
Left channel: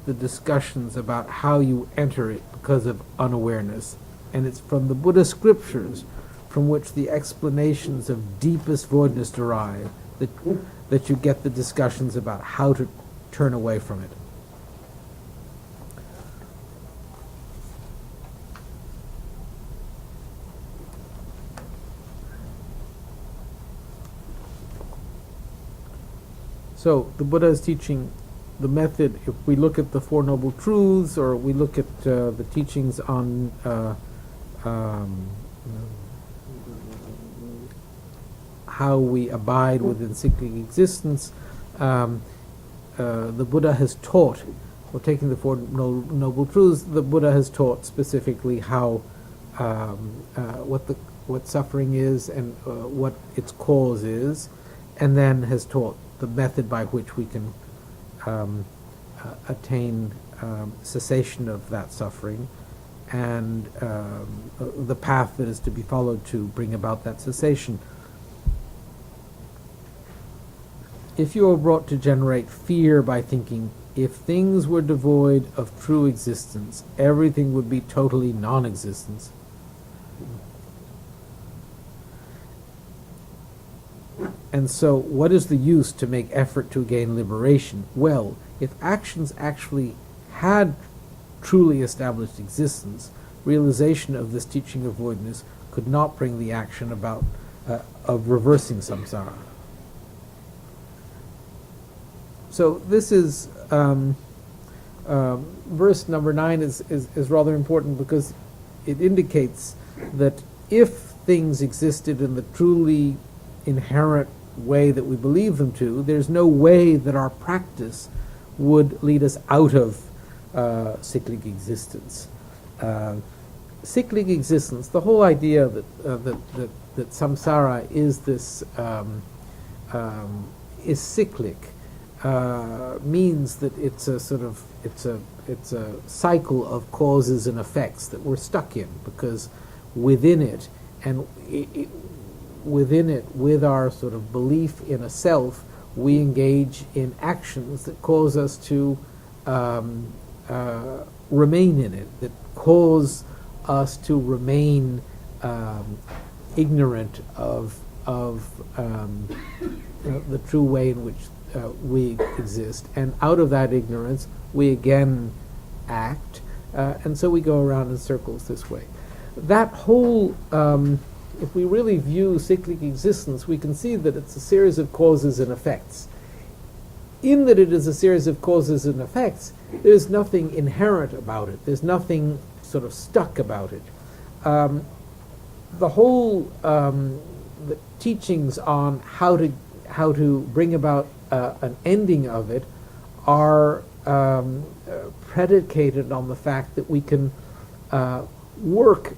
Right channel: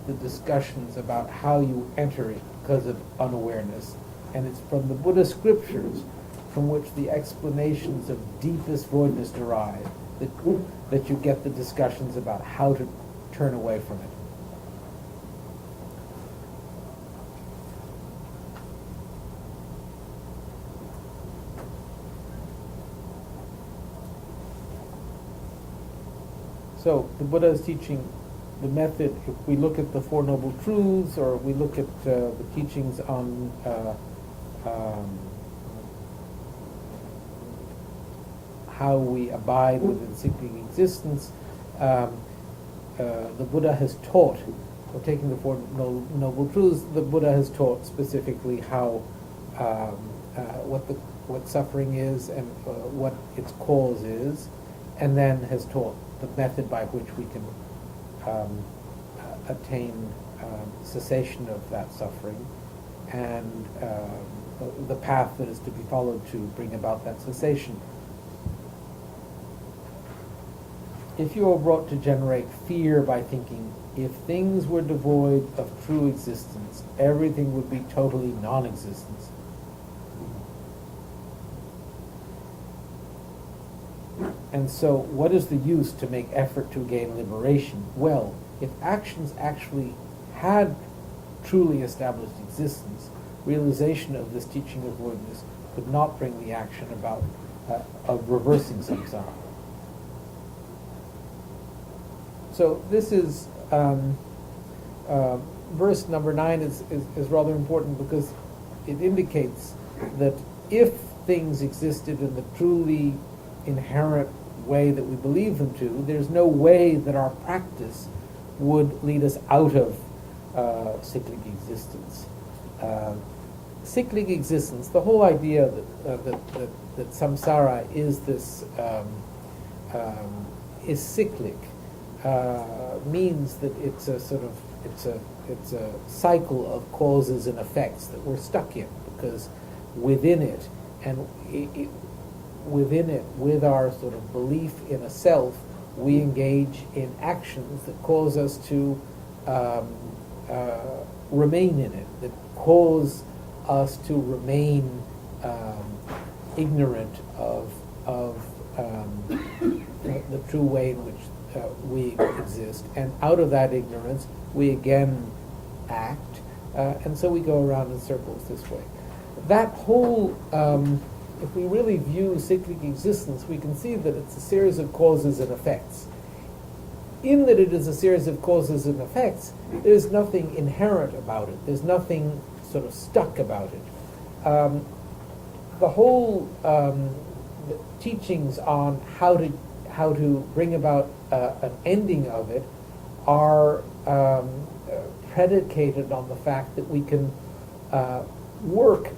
the discussions about how you enter it because of unawareness, and it's from the Buddha scriptures from which the explanations of deepest voidness derive, that you get the discussions about how to turn away from it. So the Buddha is teaching the method. If we look at the Four Noble Truths, or we look at the teachings on how we abide within cyclic existence, the Buddha has taught, or taking the Four Noble Truths, the Buddha has taught specifically how what suffering is and what its cause is, and then has taught the method by which we can attain cessation of that suffering, and the path that is to be followed to bring about that cessation. If you are brought to generate fear by thinking, if things were devoid of true existence, everything would be totally non-existence. And so, what is the use to make effort to gain liberation? Well, if actions actually had truly established existence, realization of this teaching of voidness could not bring the action about of reversing samsara. So this is verse number 9 is rather important because it indicates that if things existed in the truly inherent way that we believe them to, there's no way that our practice would lead us out of cyclic existence. Cyclic existence, the whole idea that samsara is this is cyclic, means that it's a sort of it's a cycle of causes and effects that we're stuck in, because within it, and within it, with our sort of belief in a self, we engage in actions that cause us to remain in it, that cause us to remain ignorant of the true way in which we exist. And out of that ignorance, we again act, and so we go around in circles this way. That whole, if we really view cyclic existence, we can see that it's a series of causes and effects. In that it is a series of causes and effects, there's nothing inherent about it. There's nothing sort of stuck about it. The whole the teachings on how to bring about an ending of it are predicated on the fact that we can work,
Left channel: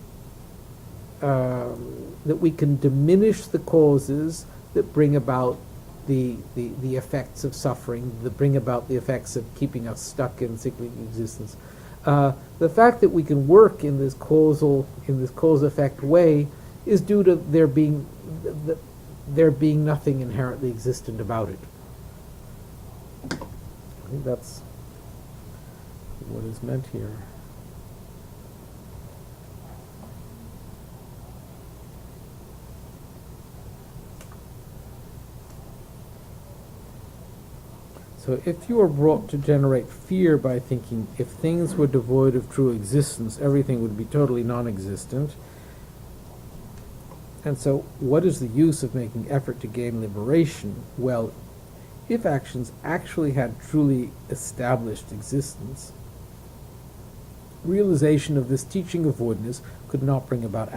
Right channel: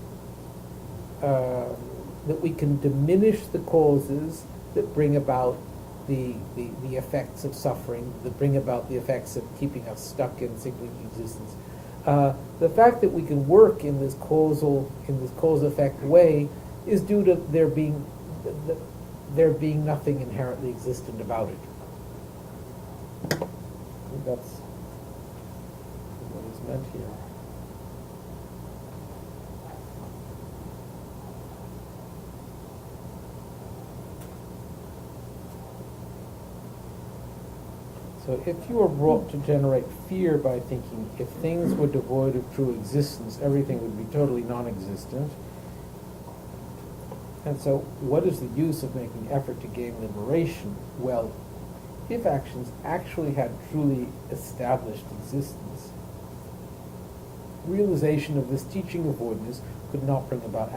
that we can diminish the causes that bring about the effects of suffering, that bring about the effects of keeping us stuck in cyclic existence. The fact that we can work in this cause-effect way is due to there being nothing inherently existent about it. I think that's what is meant here. So if you are brought to generate fear by thinking, if things were devoid of true existence, everything would be totally non-existent. And so what is the use of making effort to gain liberation? Well, if actions actually had truly established existence, realization of this teaching of voidness could not bring about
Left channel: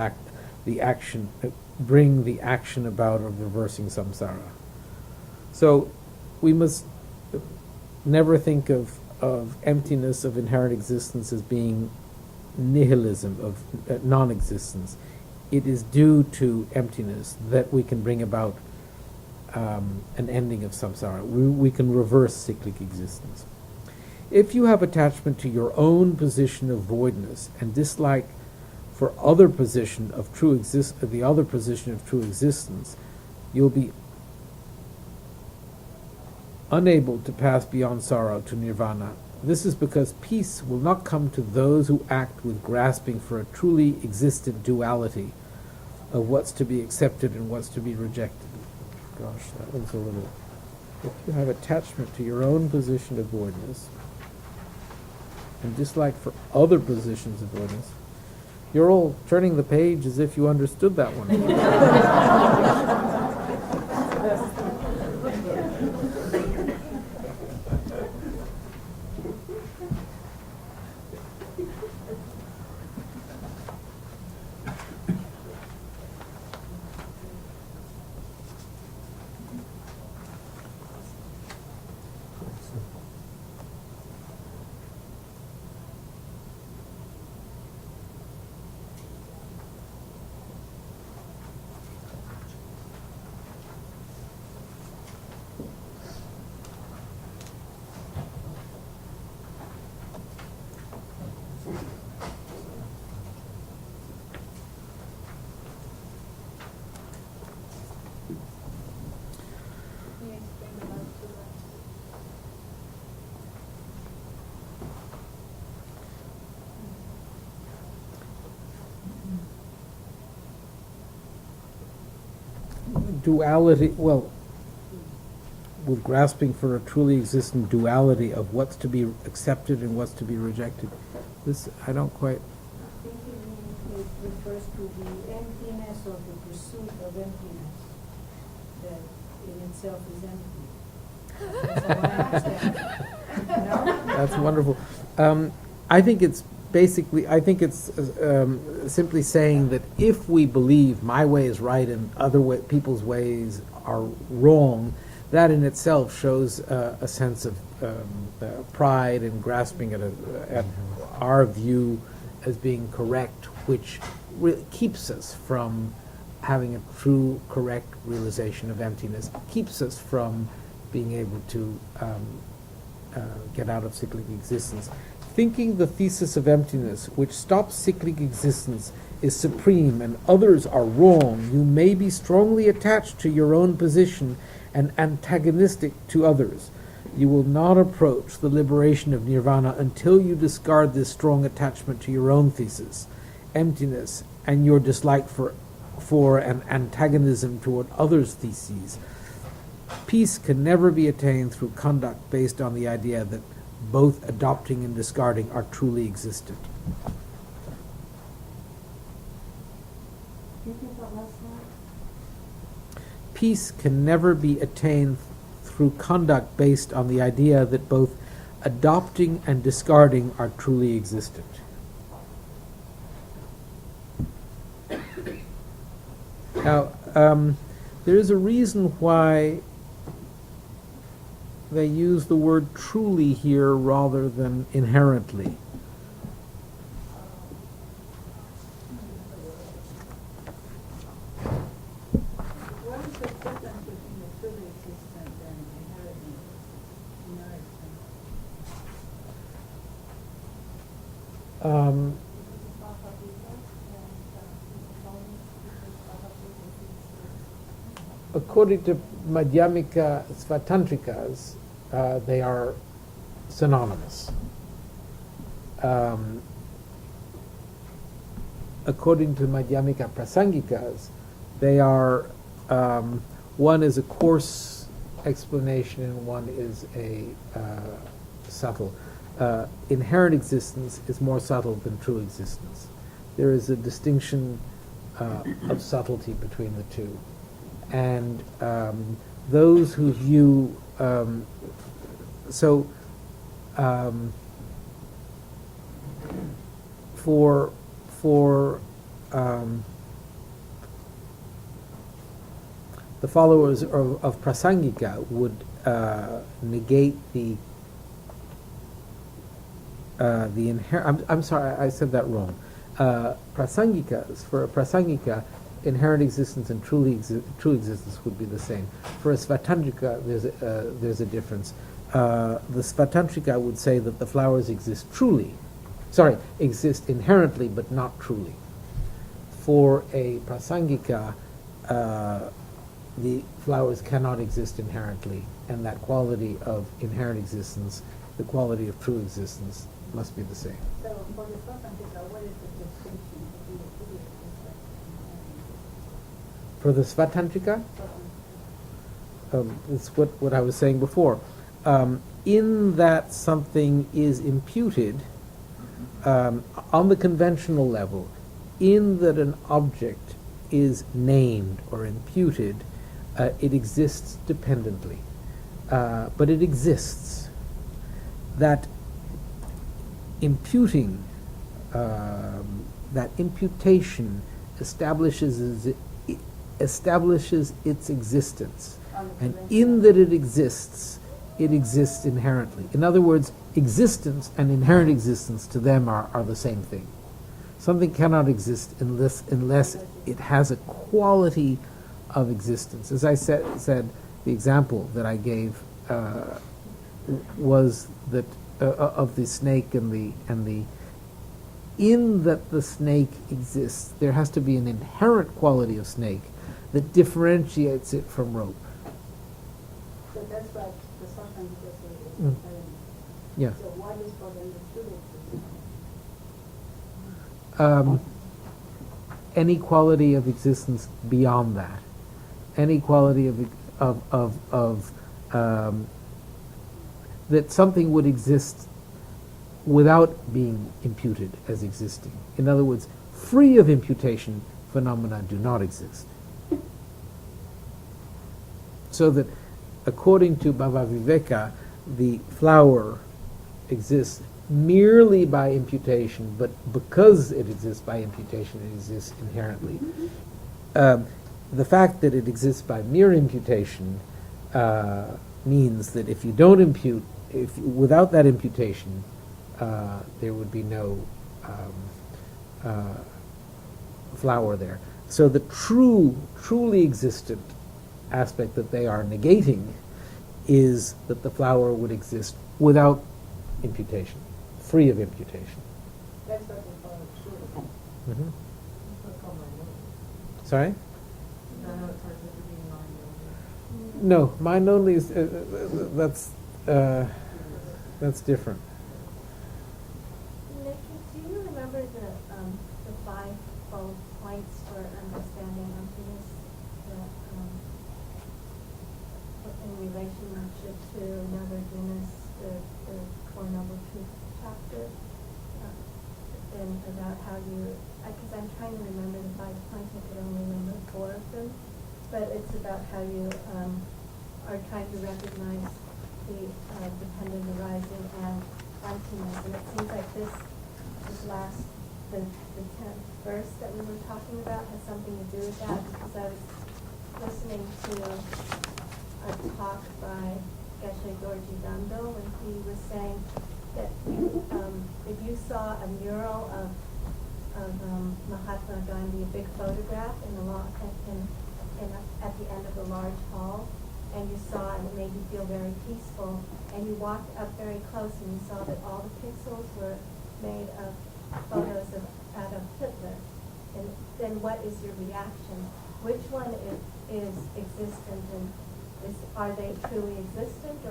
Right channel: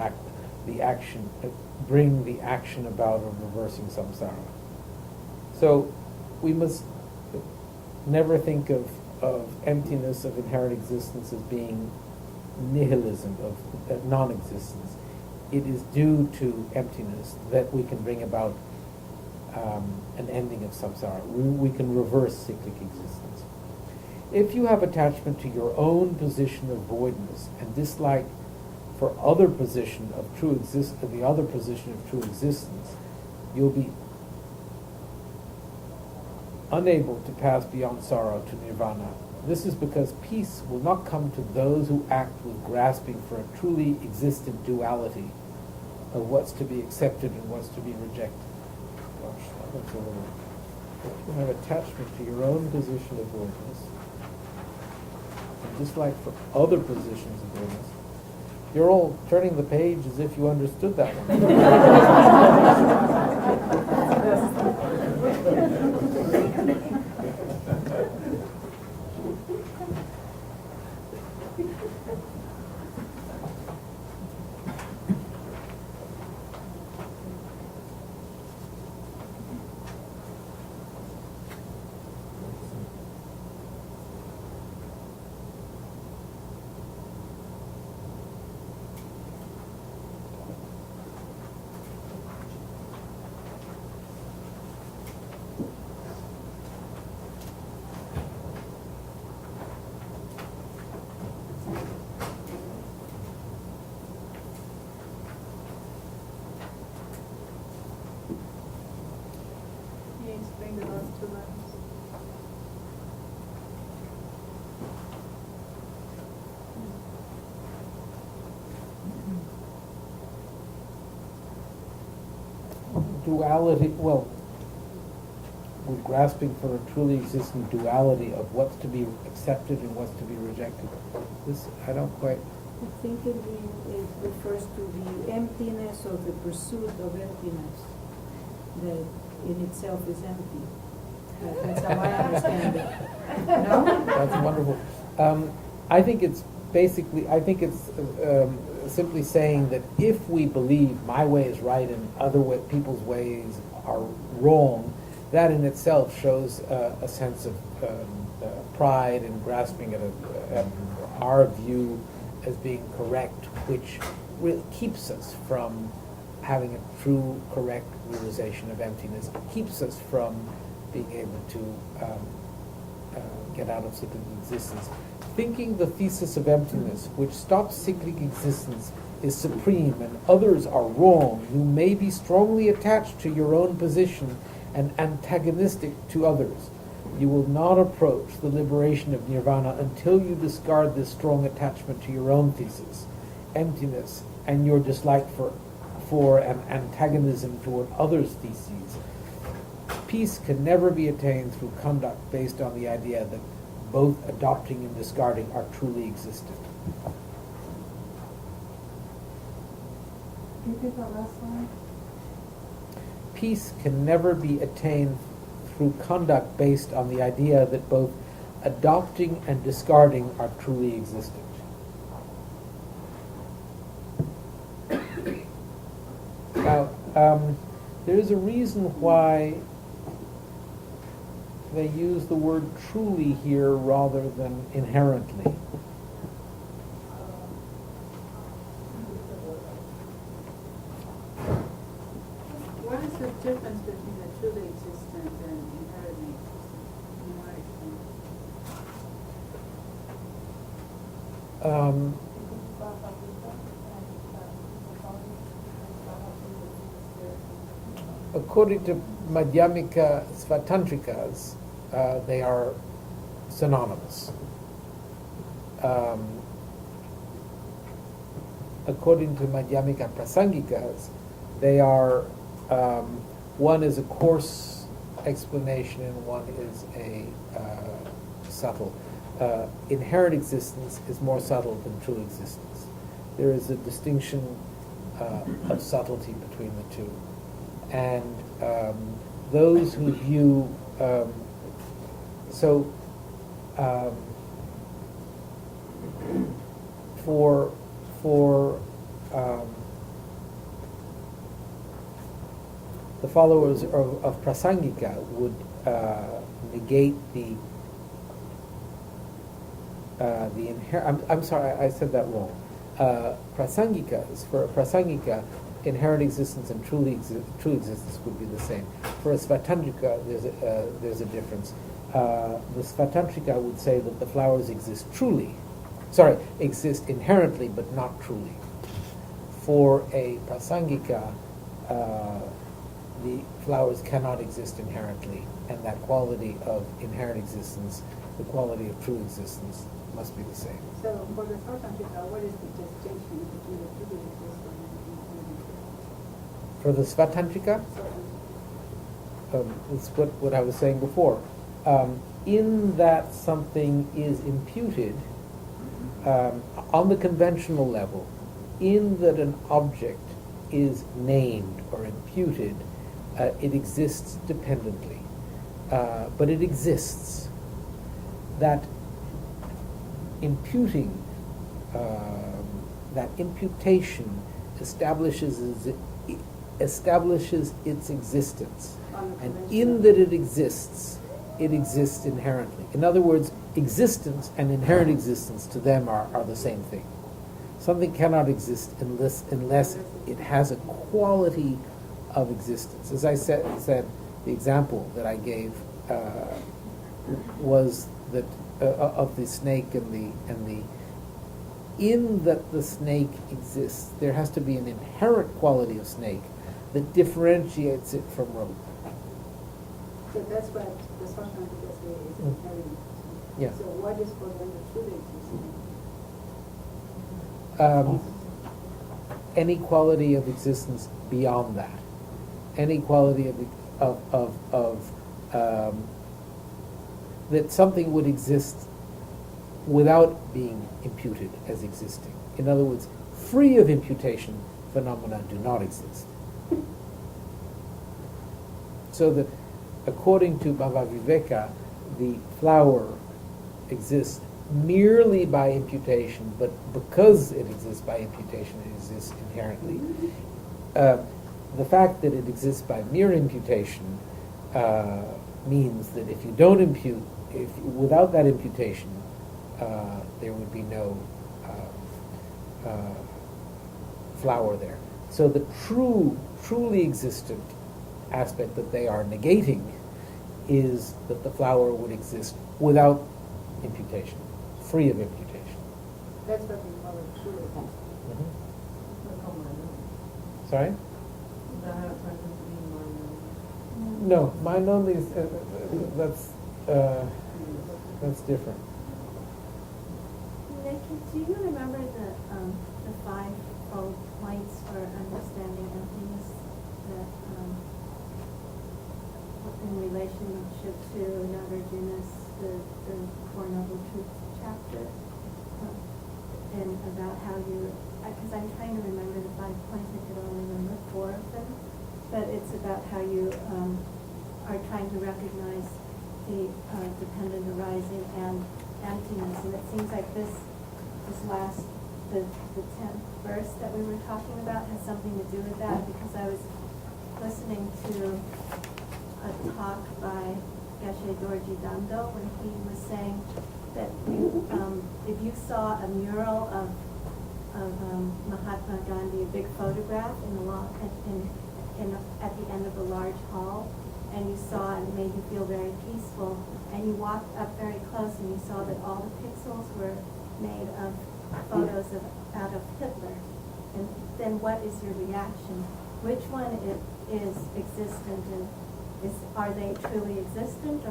the action about of reversing samsara. So we must never think of emptiness of inherent existence as being nihilism, of non-existence. It is due to emptiness that we can bring about an ending of samsara. We can reverse cyclic existence. If you have attachment to your own position of voidness and dislike for the other position of true existence, you'll be unable to pass beyond sorrow to nirvana. This is because peace will not come to those who act with grasping for a truly existent duality of what's to be accepted and what's to be rejected. Gosh, that one's a little... If you have attachment to your own position of voidness and dislike for other positions of voidness, you're all turning the page as if you understood that one. Duality, well, with grasping for a truly existent duality of what's to be accepted and what's to be rejected. This, I don't quite... I think it refers to the emptiness or the pursuit of emptiness that in itself is empty. That's how I understand it. No? That's wonderful. I think it's simply saying that if we believe my way is right and people's ways are wrong, that in itself shows a sense of pride and grasping at our view as being correct, which keeps us from having a true, correct realization of emptiness, keeps us from being able to get out of cyclic existence. Thinking the thesis of emptiness, which stops cyclic existence, is supreme and others are wrong, you may be strongly attached to your own position and antagonistic to others. You will not approach the liberation of nirvana until you discard this strong attachment to your own thesis, emptiness, and your dislike for an antagonism toward others' theses. Peace can never be attained through conduct based on the idea that both adopting and discarding are truly existent. Repeat that last line. Peace can never be attained through conduct based on the idea that both adopting and discarding are truly existent. Now, there is a reason why they use the word truly here rather than inherently. What is the difference between a truly existent and inherently existent, in your experience? According to Madhyamika Svatantrikas, they are synonymous. According to Madhyamika Prasangikas, they are, one is a coarse explanation and one is a subtle. Inherent existence is more subtle than true existence. There is a distinction of subtlety between the two. And those who view for the followers of Prasangika would negate the inherent. I'm sorry, I said that wrong. Prasangikas, for a Prasangika, inherent existence and true existence would be the same. For a Svatantrika, there's a difference. The Svatantrika would say that the flowers exist inherently, but not truly. For a Prasangika, the flowers cannot exist inherently, and that quality of inherent existence, the quality of true existence, must be the same. So, for the Svatantrika, what is the distinction between the truly existent and inherent existence? For the Svatantrika, it's what I was saying before. In that something is imputed on the conventional level, in that an object is named or imputed, it exists dependently. But it exists. That imputing, that imputation establishes its existence. And in that it exists inherently. In other words, existence and inherent existence to them are the same thing. Something cannot exist unless it has a quality of existence. As I said, the example that I gave was that of the snake and the in that the snake exists, there has to be an inherent quality of snake that differentiates it from rope. So that's what the Svatantrika say is inherent existence. Yeah. So what is for them the truly existent? Any quality of existence beyond that, any quality of that something would exist without being imputed as existing. In other words, free of imputation, phenomena do not exist. So that, according to Bhava Viveka, the flower exists merely by imputation, but because it exists by imputation, it exists inherently. The fact that it exists by mere imputation means that if you don't impute, without that imputation, there would be no flower there. So the truly existent aspect that they are negating is that the flower would exist without imputation, free of imputation. That's what they call it, truly. Mm-hmm. What's called mind-only. Sorry? They're not talking to be mind-only. No, mind only is that's different. Do you remember the five-fold points for understanding emptiness that in relationship to another genus, the Core Noble Truth chapter, and about how you, because I'm trying to remember the 5 points, I can only remember 4 of them, but it's about how you are trying to recognize the dependent arising and emptiness, and it seems like this last, the 10th verse that we were talking about has something to do with that, because I was listening to a talk by Geshe Dorji Dando when he was saying that if you saw a mural of Mahatma Gandhi, a big photograph at the end of a large hall, and you saw it made you feel very peaceful, and you walked up very close and you saw that all the pixels were made of photos of Adolf Hitler, and then what is your reaction? Which one is existent, and are they truly existent,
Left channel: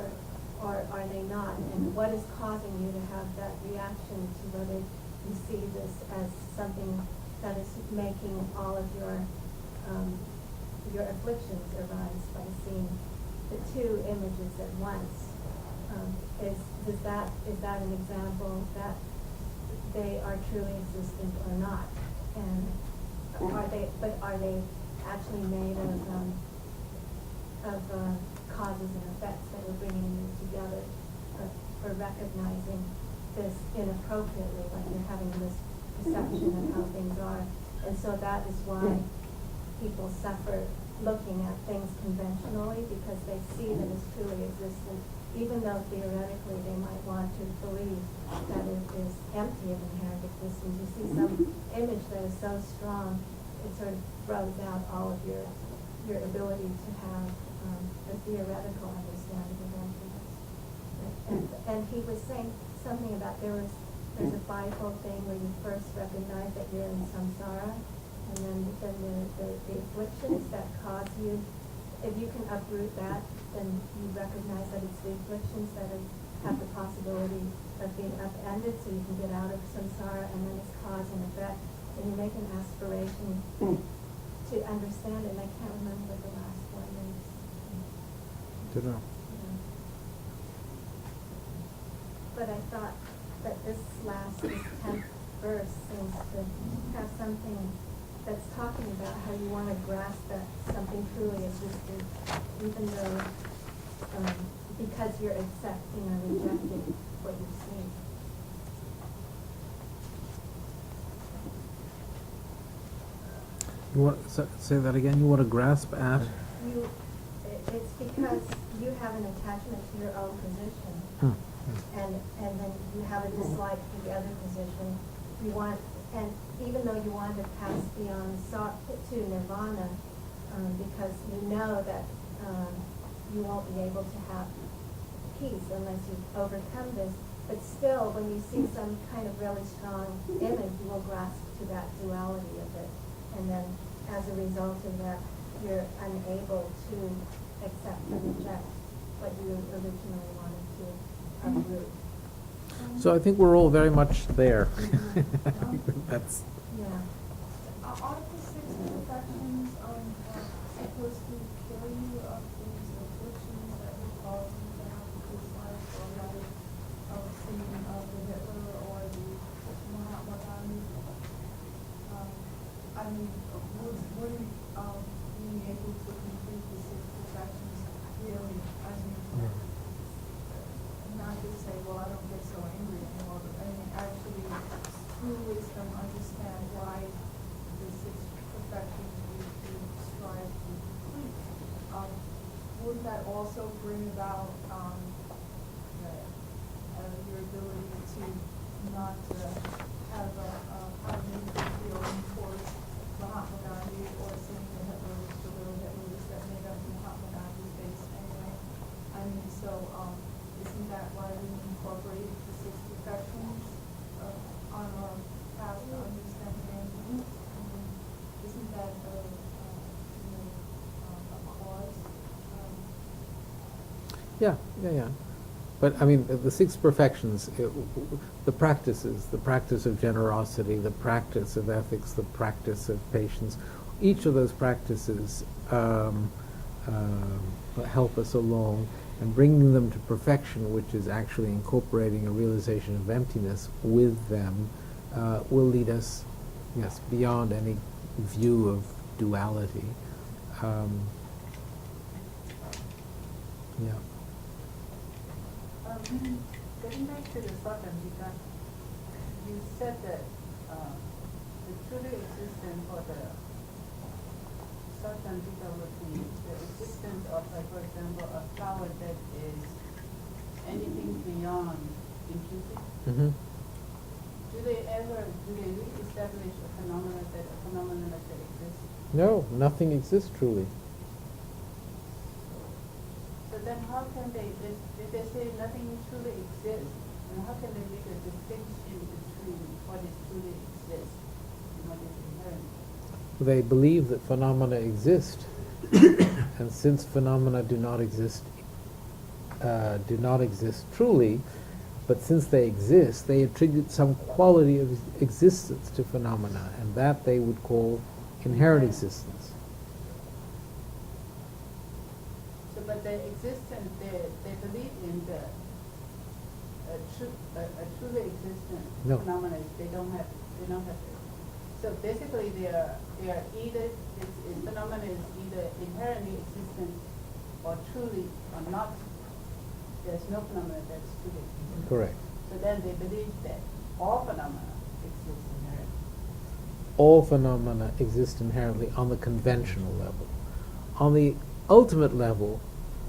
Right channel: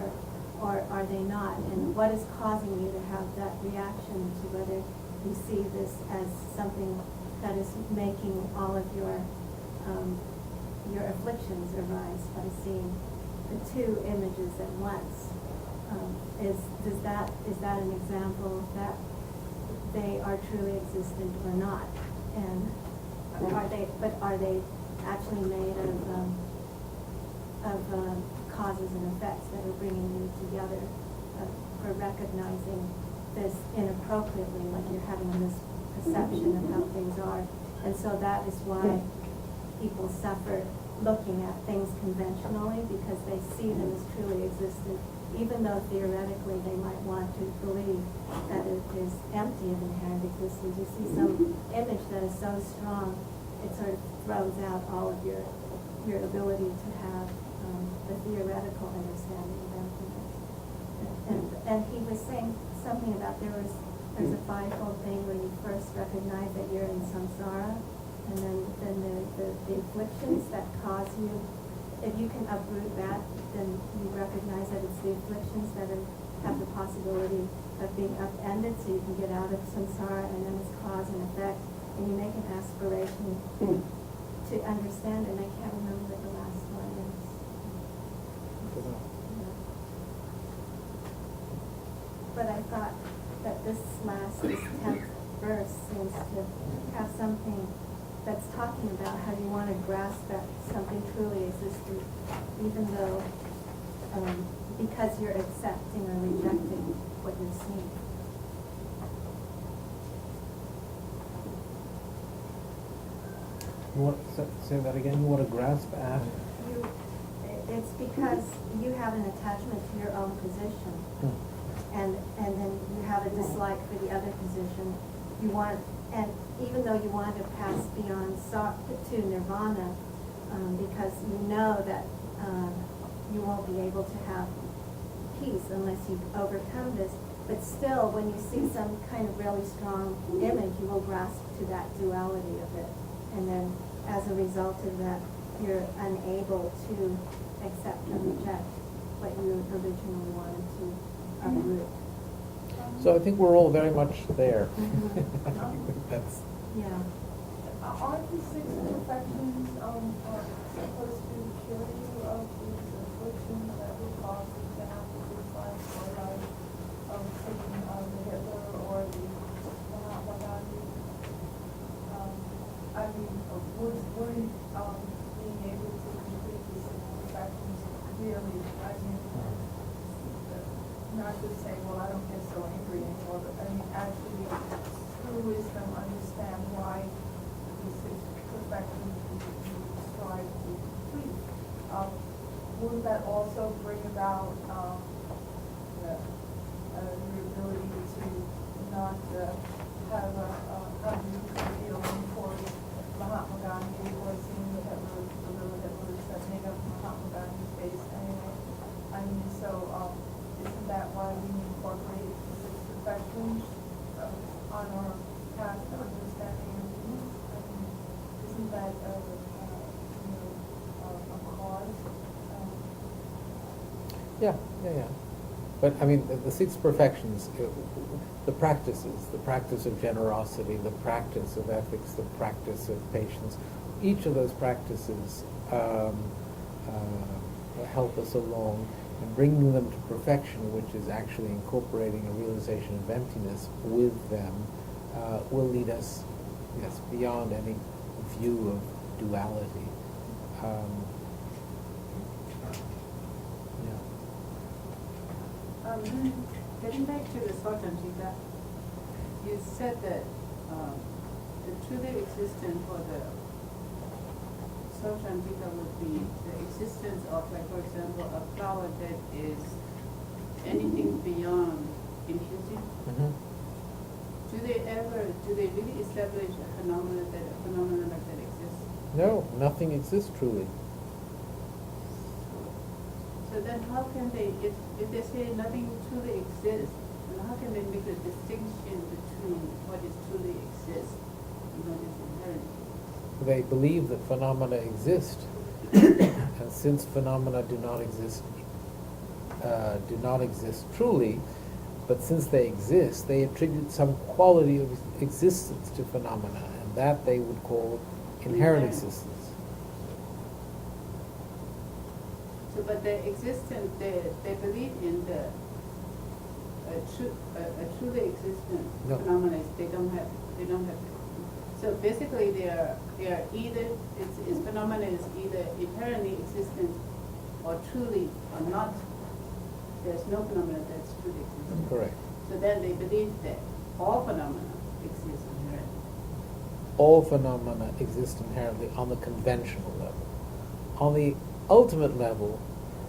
or are they not? And what is causing you to have that reaction to whether you see this as something that is making all of your afflictions arise by seeing the two images at once? Is that an example that they are truly existent or not? And are they actually made of causes and effects that are bringing you together for recognizing this inappropriately, like you're having this perception of how things are? And so that is why people suffer looking at things conventionally, because they see them as truly existent, even though theoretically they might want to believe that it is empty of inherent existence. You see some image that is so strong, it sort of throws out all of your ability to have the theoretical understanding of emptiness. And he was saying something about there's a fivefold thing where you first recognize that you're in samsara, and then the afflictions that cause you. If you can uproot that, then you recognize that it's the afflictions that have the possibility of being upended, so you can get out of samsara, and then it's cause and effect. And you make an aspiration to understand, and I can't remember what the last one is. Don't know. Yeah. But I thought that this 10th verse seems to have something that's talking about how you want to grasp that something truly existed, even though, because you're accepting or rejecting what you're seeing. You want, say that again? You want to grasp at? It's because you have an attachment to your own position, and then you have a dislike for the other position. You want, and even though you want to pass beyond to nirvana, because you know that you won't be able to have peace unless you've overcome this. But still, when you see some kind of really strong image, you will grasp to that duality of it. And then, as a result of that, you're unable to accept and reject what you originally wanted to uproot. So I think we're all very much there. That's. Yeah. Aren't the 6 perfections supposed to cure you of these afflictions that we cause? seeing the Hitler or the Mahatma Gandhi. I mean, would being able to complete the six perfections really, I mean, not just saying, well, I don't get so angry anymore, but I mean, actually, through wisdom, understand why the six perfections we strive to complete. Wouldn't that also bring about your ability to not have a feeling towards Mahatma Gandhi or seeing the Hitlers, the Hitlers that made up Mahatma Gandhi's face anyway? I mean, so isn't that why we incorporated the six perfections on our path to understanding emptiness? I mean, isn't that a cause? Yeah. But I mean, the six perfections, the practices, the practice of generosity, the practice of ethics, the practice of patience, each of those practices help us along, and bringing them to perfection, which is actually incorporating a realization of emptiness with them, will lead us, yes, beyond any view of duality. Yeah. Getting back to the Sotanjita, you said that the truly existent for the Sotanjita would be the existence of, like, for example, a flower that is anything beyond imputing. Mm-hmm. Do they really establish a phenomenon that exists? No, nothing exists truly. So then how can they, if they say nothing truly exists, then how can they make a distinction between what is truly exists and what is inherent? They believe that phenomena exist, and since phenomena do not exist truly, but since they exist, they attribute some quality of existence to phenomena, and that they would call inherent existence. So, but the existence, they believe in the truly existent No. phenomena. They don't have. So basically, they are either its phenomena is either inherently existent or truly or not. There's no phenomena that's truly existent. Correct. So then they believe that all phenomena exist inherently. All phenomena exist inherently on the conventional level. On the ultimate level,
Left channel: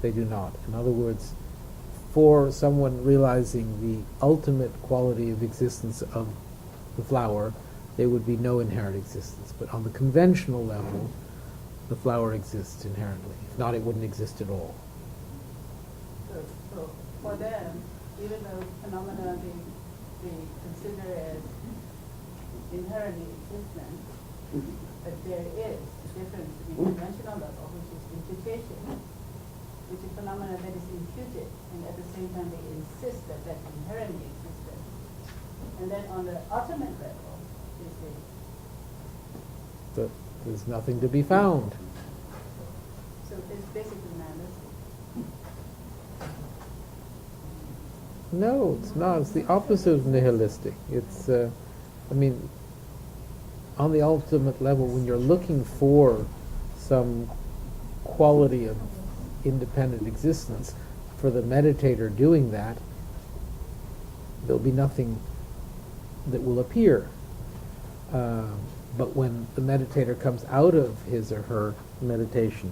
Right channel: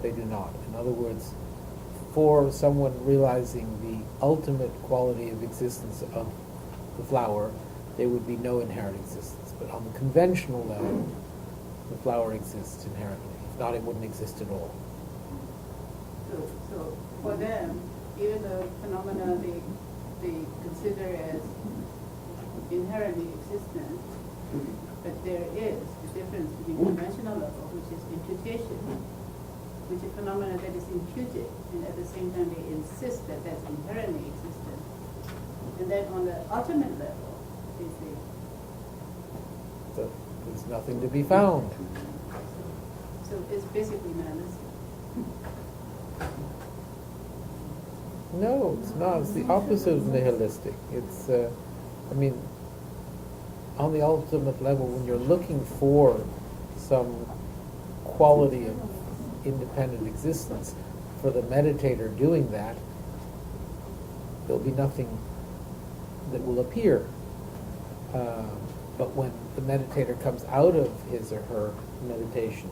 they do not. In other words, for someone realizing the ultimate quality of existence of the flower, there would be no inherent existence. But on the conventional level, the flower exists inherently. If not, it wouldn't exist at all. So for them, even though phenomena they consider as inherently existent, but there is a difference between conventional level, which is imputation, which is phenomena that is imputed, and at the same time they insist that that's inherently existent. And then on the ultimate level, they say, So there's nothing to be found. so it's basically nihilistic. No, it's not. It's the opposite of nihilistic. It's, on the ultimate level, when you're looking for some quality of independent existence, for the meditator doing that, there'll be nothing that will appear. But when the meditator comes out of his or her meditation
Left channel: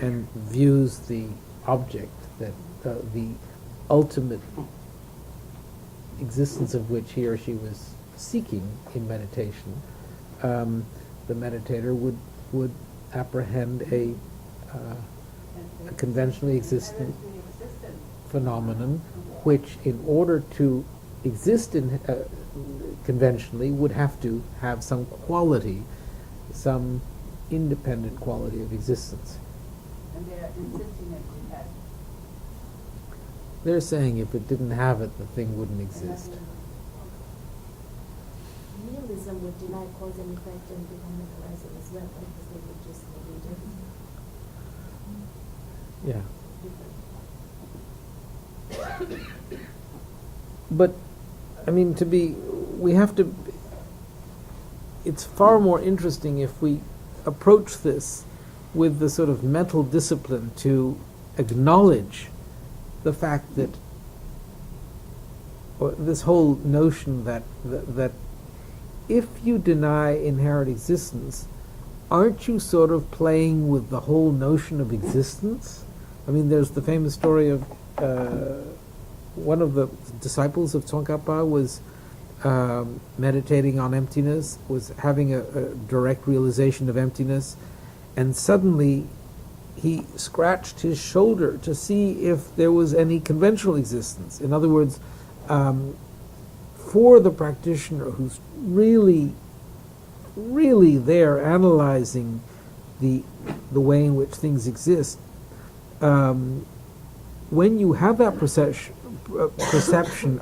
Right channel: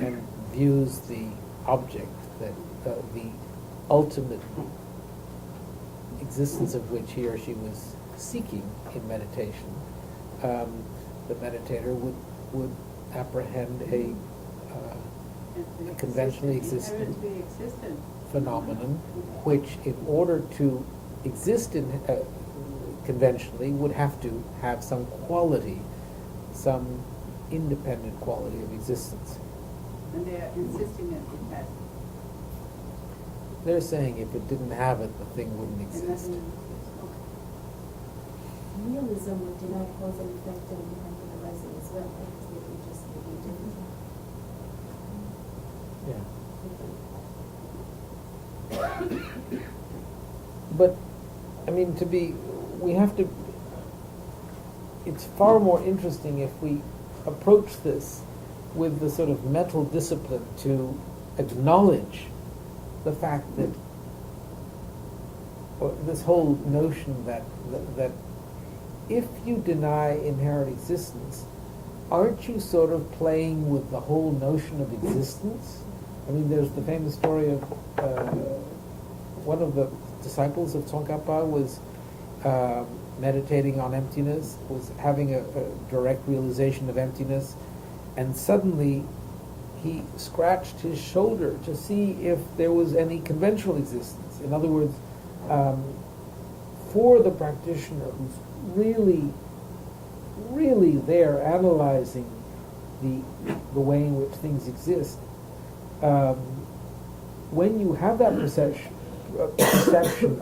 and views the object, that the ultimate existence of which he or she was seeking in meditation, the meditator would apprehend a conventionally existent phenomenon, which, in order to exist in conventionally, would have to have some quality, some independent quality of existence. And they are insisting that it has. They're saying if it didn't have it, the thing wouldn't exist. Nihilism would deny cause and effect and dependent arising as well, right? It's maybe just negation. Yeah. But, I mean, it's far more interesting if we approach this with the sort of mental discipline to acknowledge the fact that, or this whole notion that if you deny inherent existence, aren't you sort of playing with the whole notion of existence? I mean, there's the famous story of one of the disciples of Tsongkhapa was meditating on emptiness, was having a direct realization of emptiness, and suddenly he scratched his shoulder to see if there was any conventional existence. In other words, for the practitioner who's really there analyzing the way in which things exist, when you have that perception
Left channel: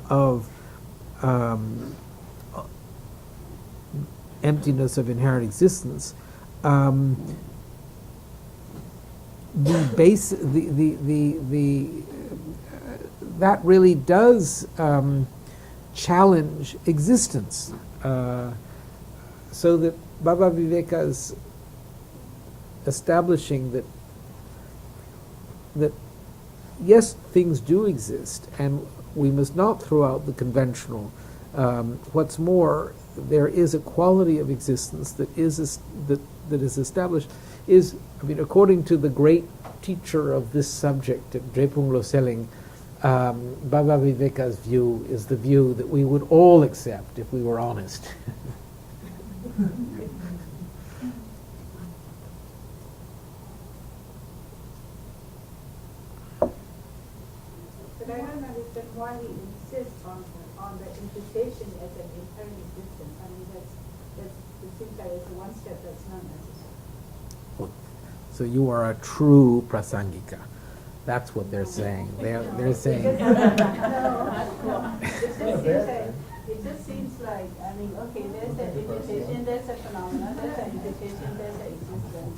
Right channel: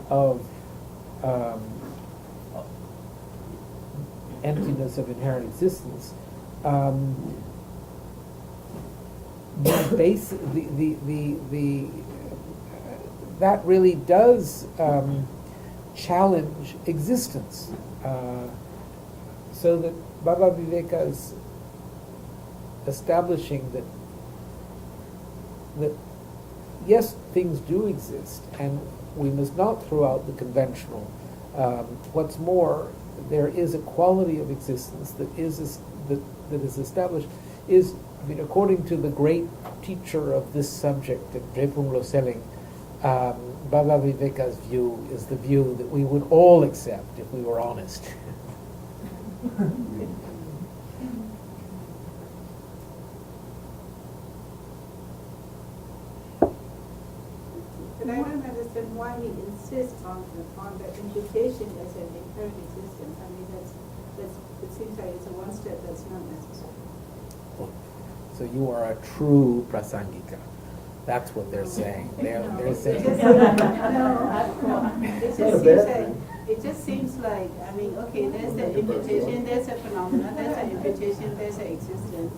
of emptiness of inherent existence, that really does challenge existence. So that Baba Viveka's establishing that yes, things do exist, and we must not throw out the conventional. What's more, there is a quality of existence that is established. Is, I mean, according to the great teacher of this subject, Drepung Loseling, Baba Viveka's view is the view that we would all accept if we were honest. But I don't understand why he insists on the imputation as an inherent existence. I mean, it seems like it's a one step that's not necessary. So you are a true prasangika. That's what they're saying. They're saying. It just seems like, I mean, okay, there's the imputation, there's a phenomenon, there's an imputation, there's an existence.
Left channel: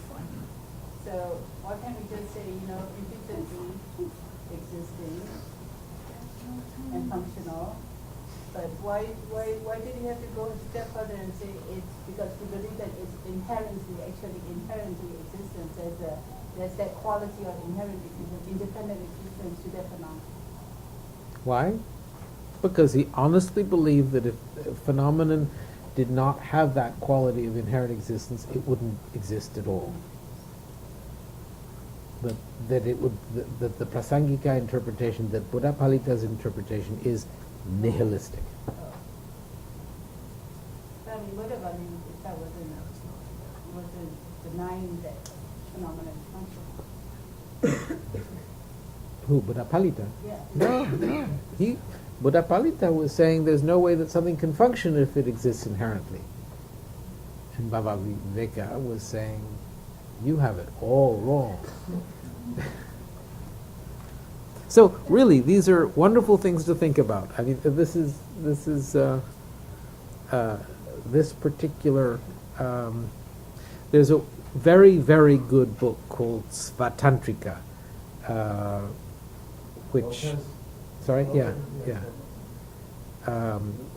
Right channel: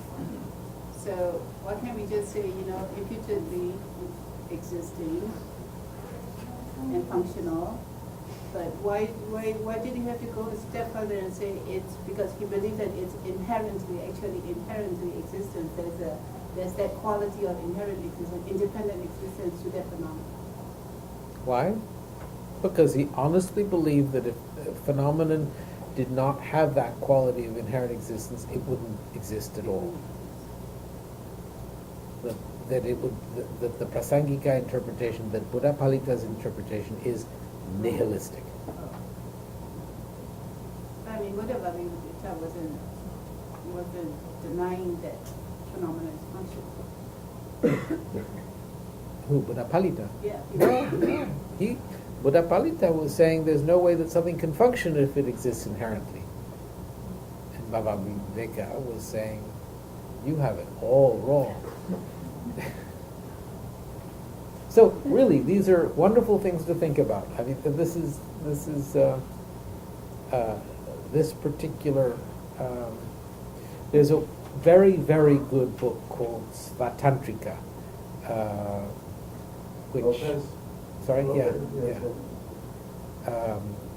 So why can't we just say, imputedly existing and functional? But why did you have to go a step further and say it's because you believe that it's inherently existence? There's that quality of inherent existence, independent existence to that phenomenon. Why? Because he honestly believed that if a phenomenon did not have that quality of inherent existence, it wouldn't exist at all. That the Prasangika interpretation, that Buddha Palita's interpretation is nihilistic. I mean, Buddha Palita wasn't denying that phenomenon is functional. Who, Buddha Palita? Yeah. Buddha Palita was saying there's no way that something can function if it exists inherently. And Baba Viveka was saying, you have it all wrong. So really, these are wonderful things to think about. I mean, this particular. There's a very, very good book called Svatantrika, which. Lopez? Sorry, Lopez? yeah.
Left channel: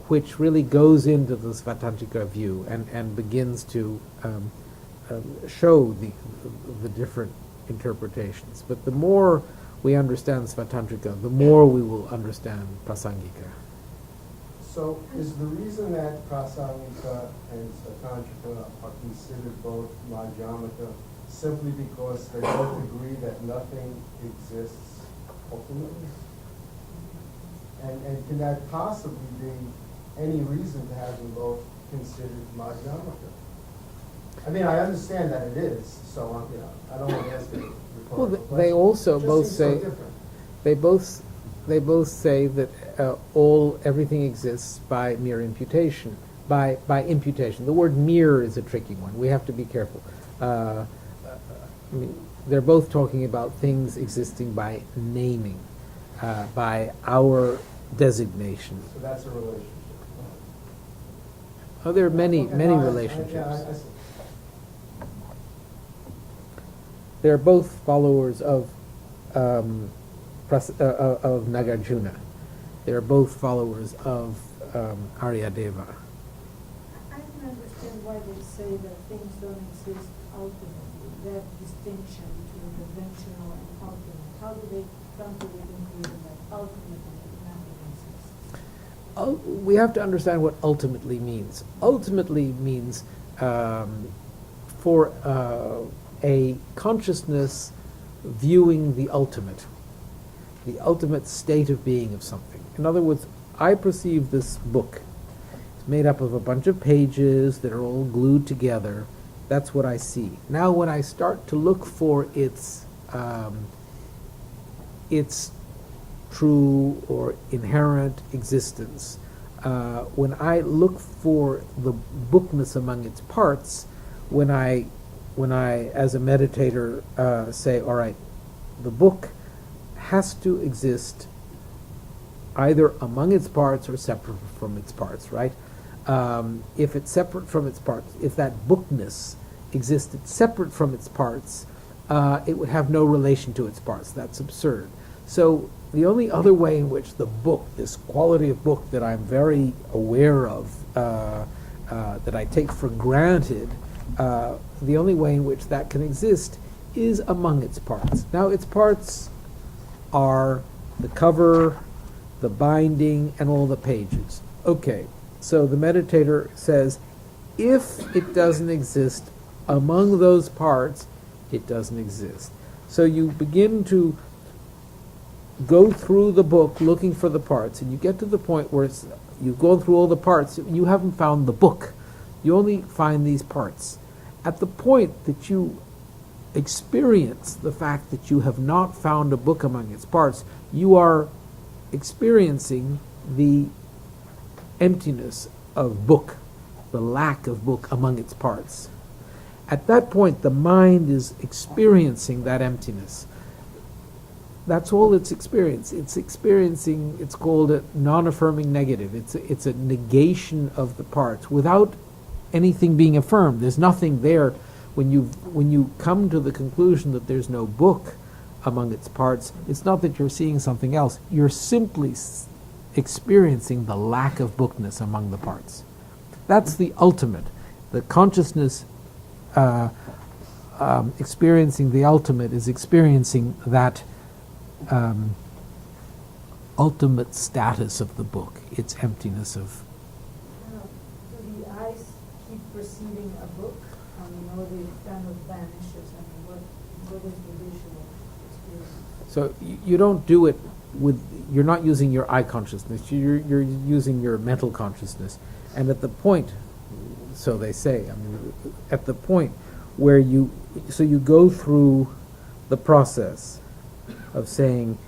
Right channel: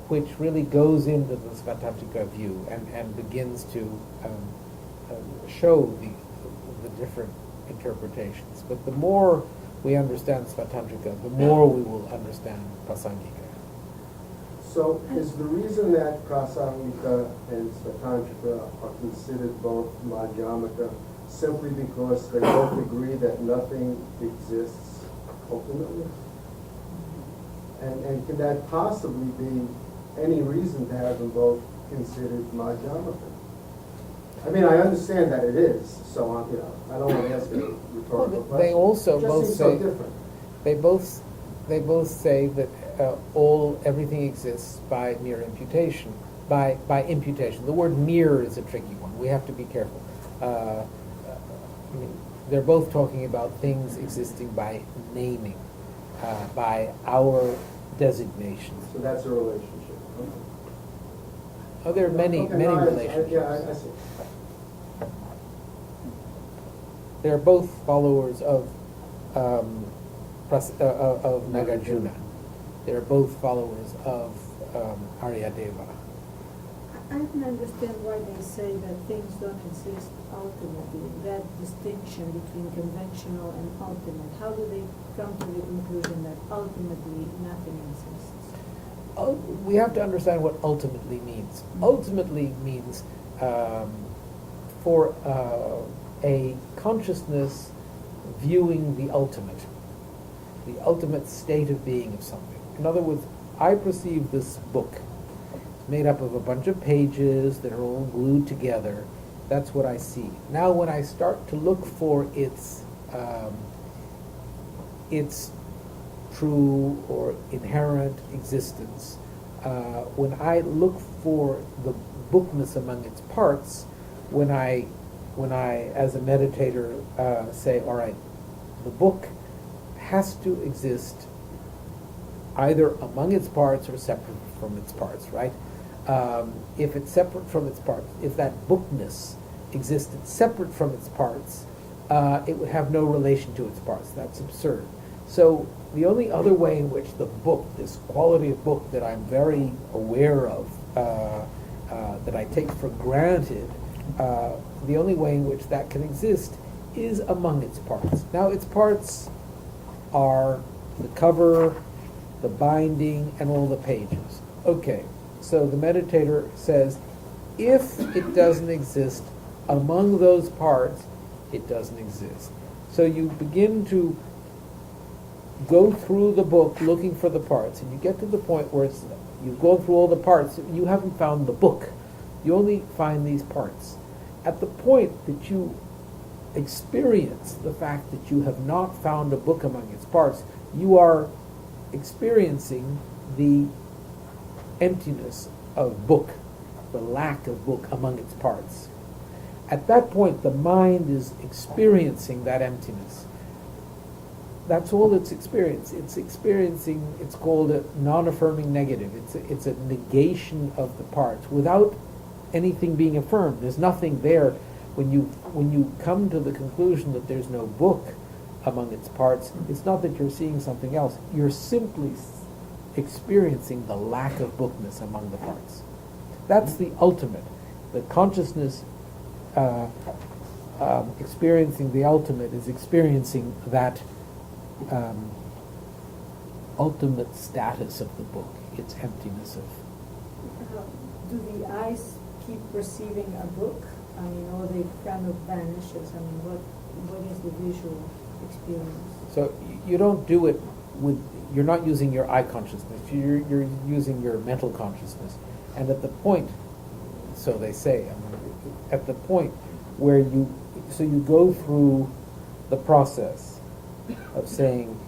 Which really goes into the Svatantrika view and begins to show the different interpretations. But the more we understand Svatantrika, the more we will understand Prasangika. So is the reason that Prasangika and Svatantrika are considered both Madhyamaka simply because they both agree that nothing exists ultimately? And can that possibly be any reason to have them both considered Madhyamaka? I mean, I understand that it is, so I don't want to ask it a rhetorical question. They also It just both seems say so different. they both say that everything exists by mere imputation. By imputation, the word "mere" is a tricky one. We have to be careful. I mean, they're both talking about things existing by naming, by our designation. So that's a relationship. Oh, there are many Okay, many no, relationships. I see. They're both followers of Nagarjuna. They're both followers of Aryadeva. I don't understand why they say that things don't exist ultimately, that distinction between conventional and ultimate. How do they come to the conclusion that ultimately nothing exists? We have to understand what ultimately means. Ultimately means for a consciousness viewing the ultimate state of being of something. In other words, I perceive this book made up of a bunch of pages that are all glued together. That's what I see. Now when I start to look for its true or inherent existence, when I look for the bookness among its parts, when I as a meditator say, all right, the book has to exist either among its parts or separate from its parts, right? If it's separate from its parts, if that bookness existed separate from its parts, it would have no relation to its parts. That's absurd. So the only other way in which the book, this quality of book that I'm very aware of, that I take for granted, the only way in which that can exist is among its parts. Now its parts are the cover, the binding, and all the pages. Okay. So the meditator says, if it doesn't exist among those parts, it doesn't exist. So you begin to go through the book looking for the parts, and you get to the point where you've gone through all the parts, you haven't found the book. You only find these parts. At the point that you experience the fact that you have not found a book among its parts, you are experiencing the emptiness of book, the lack of book among its parts. At that point, the mind is experiencing that emptiness. That's all it's experiencing. It's experiencing, it's called a non-affirming negative. It's a negation of the parts without anything being affirmed. There's nothing there. When you come to the conclusion that there's no book among its parts, it's not that you're seeing something else. You're simply experiencing the lack of bookness among the parts. That's the ultimate. The consciousness experiencing the ultimate is experiencing that ultimate status of the book, its emptiness of... Do the eyes keep perceiving a book? I mean, or they kind of vanishes? I mean, what is the visual experience? So you don't do it with... You're not using your eye consciousness. You're using your mental consciousness. And at the point, so they say, at the point where you go through the process of saying,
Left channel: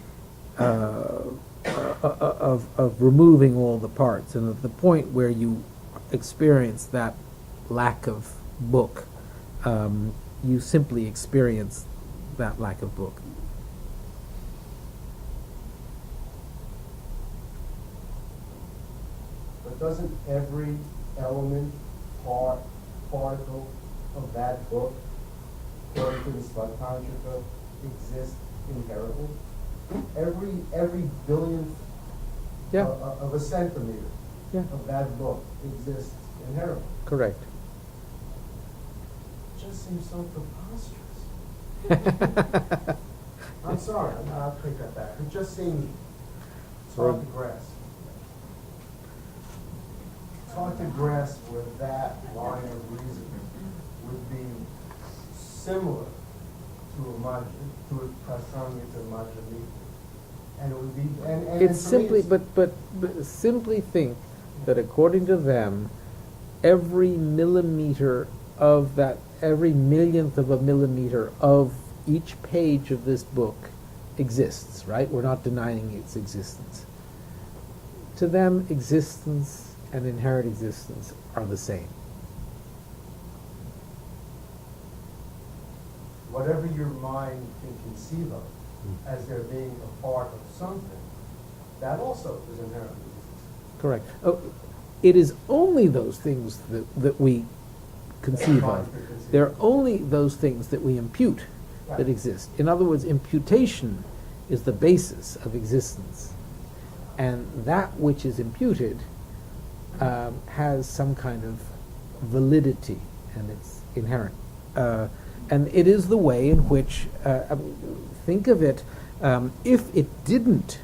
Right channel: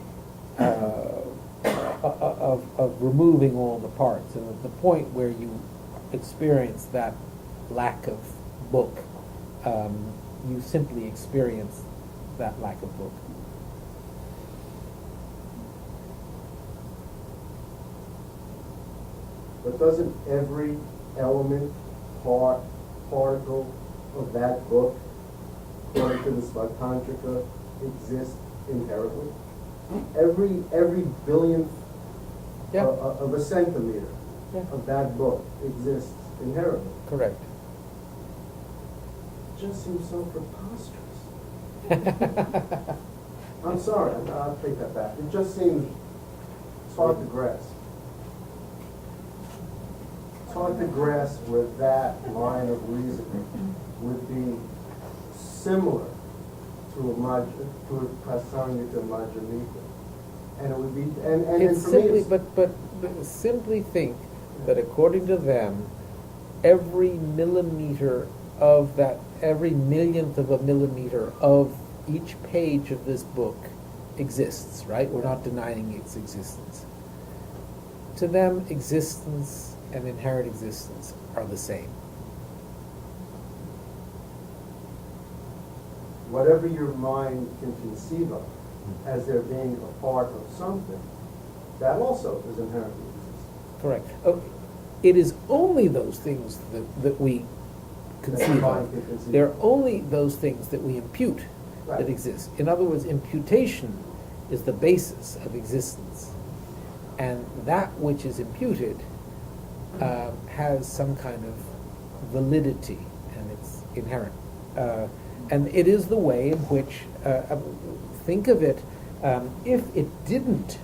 of removing all the parts, and at the point where you experience that lack of book, you simply experience that lack of book. But doesn't every element, particle of that book, according to the Svatantrika, exist inherently? Every billionth of a centimeter of that book exists inherently. Correct. It just seems so preposterous. I'm sorry, I'll take that back. It just seems hard to grasp. It's hard to grasp where that line of reasoning would be similar to a Prasangita Majjhamika. And it would be, and It's for me simply, it's- but simply think that according to them, every millimeter of that, every millionth of a millimeter of each page of this book exists, right? We're not denying its existence. To them, existence and inherent existence are the same. whatever your mind can conceive of as there being a part of something, that also is inherently exists. Correct. Oh, it is only those things that we conceive of. They're only those things that we impute that exist. In other words, imputation is the basis of existence. and that which is imputed has some kind of validity, and it's inherent. And it is the way in which, think of it, if it didn't,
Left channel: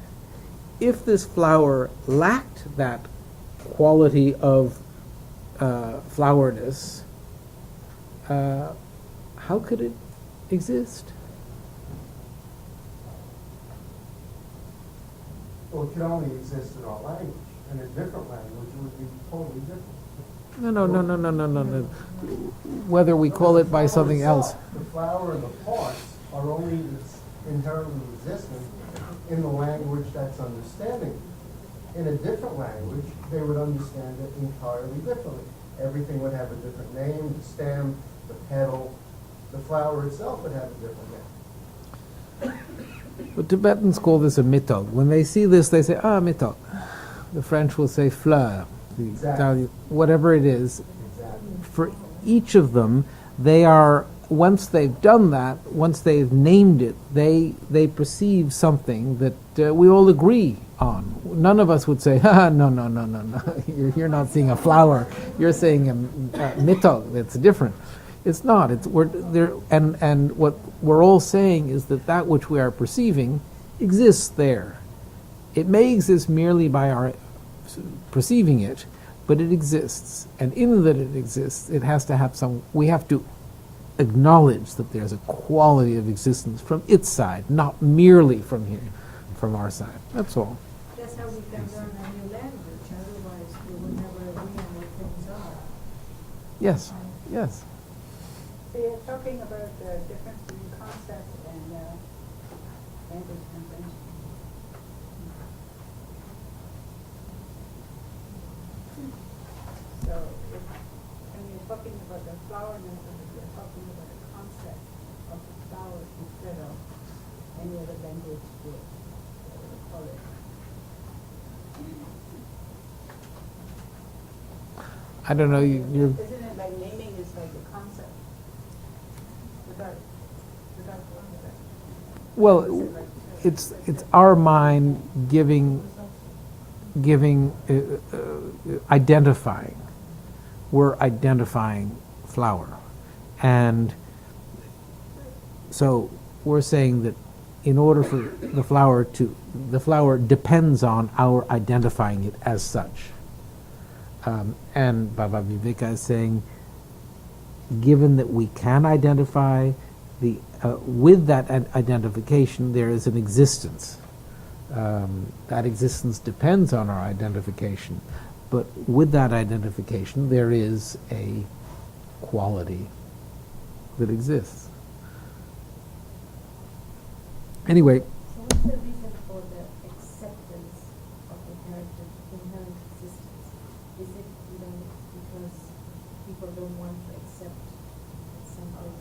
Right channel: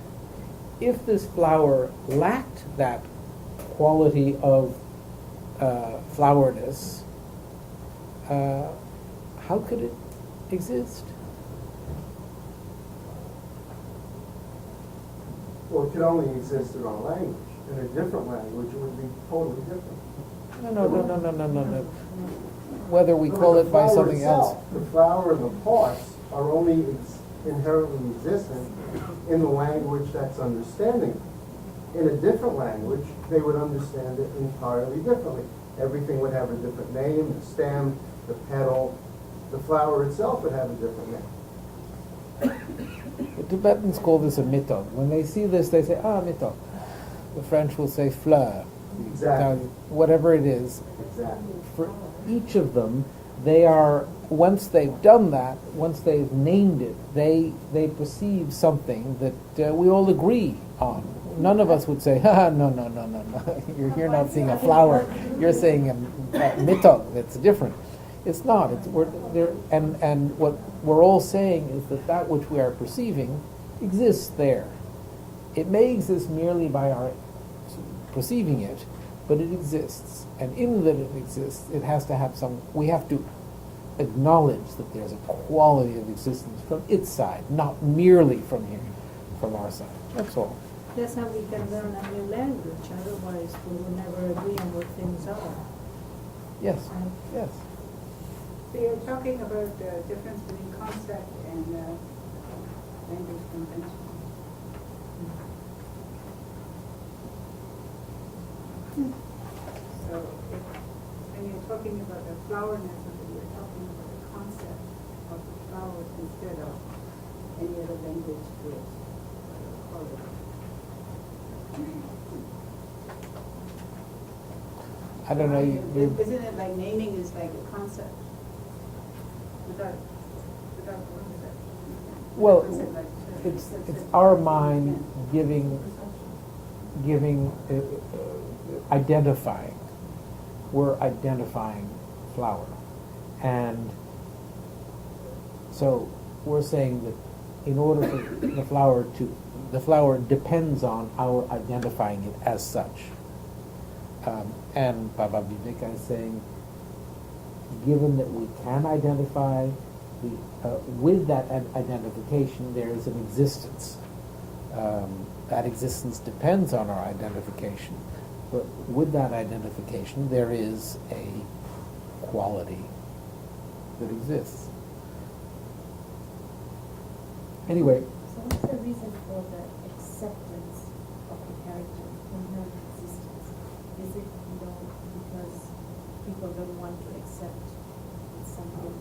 if this flower lacked that quality of flowerness, how could it exist? Well, it could only exist in our language. In a different language, it would be totally different. No. Whether we call it by something else. The flower and the parts are only inherently existent in the language that's understanding it. In a different language, they would understand it entirely differently. Everything would have a different name, the stem, the petal, the flower itself would have a different name. The Tibetans call this a mitog. When they see this, they say, mitog. The French will say fleur. Exactly. Whatever it is. Exactly. For each of them, they are, once they've done that, once they've named it, they perceive something that we all agree on. None of us would say, no. You're not seeing a flower. You're saying a mitog. That's different. It's not. We're there, and what we're all saying is that which we are perceiving exists there. It may exist merely by our perceiving it, but it exists. And in that it exists, it has to have some. We have to acknowledge that there's a quality of existence from its side, not merely from here, from our side. That's all. That's how we can learn a new language. Otherwise, we will never agree on what things are. Yes. Yes. So you're talking about the difference between concept and language convention. So when you're talking about the flowerness of it, you're talking about the concept of the flower instead of any other language will call it. I don't know. Isn't it like naming is like a concept? Without concept. Well, it's our mind giving identifying. We're identifying flower, and so we're saying that in order for the flower depends on our identifying it as such. And Baba Viveka is saying, given that we can identify with that identification, there is an existence. That existence depends on our identification, but with that identification, there is a quality that exists. Anyway. So what's the reason for the acceptance of inherent existence? Is it, because people don't want to accept that something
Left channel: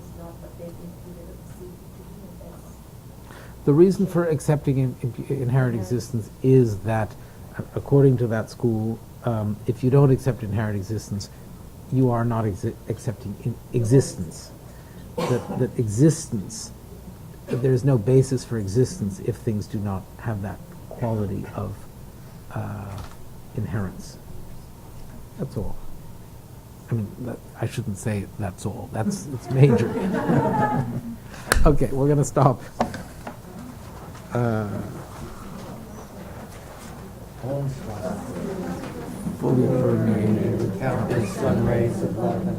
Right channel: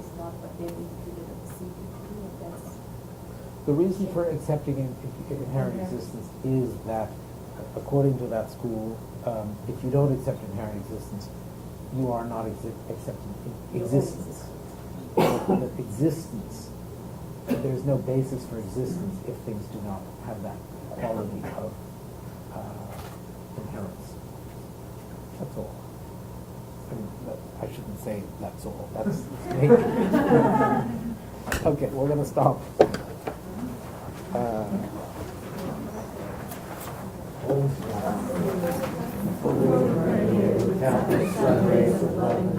is not what they've imputed or perceived it to be? The reason for accepting inherent existence is that, according to that school, if you don't accept inherent existence, you are not accepting existence. That existence, there is no basis for existence if things do not have that quality of inherence. That's all. I mean, I shouldn't say that's all. It's major. Okay, we're going to stop. Full of countless sun rays of love.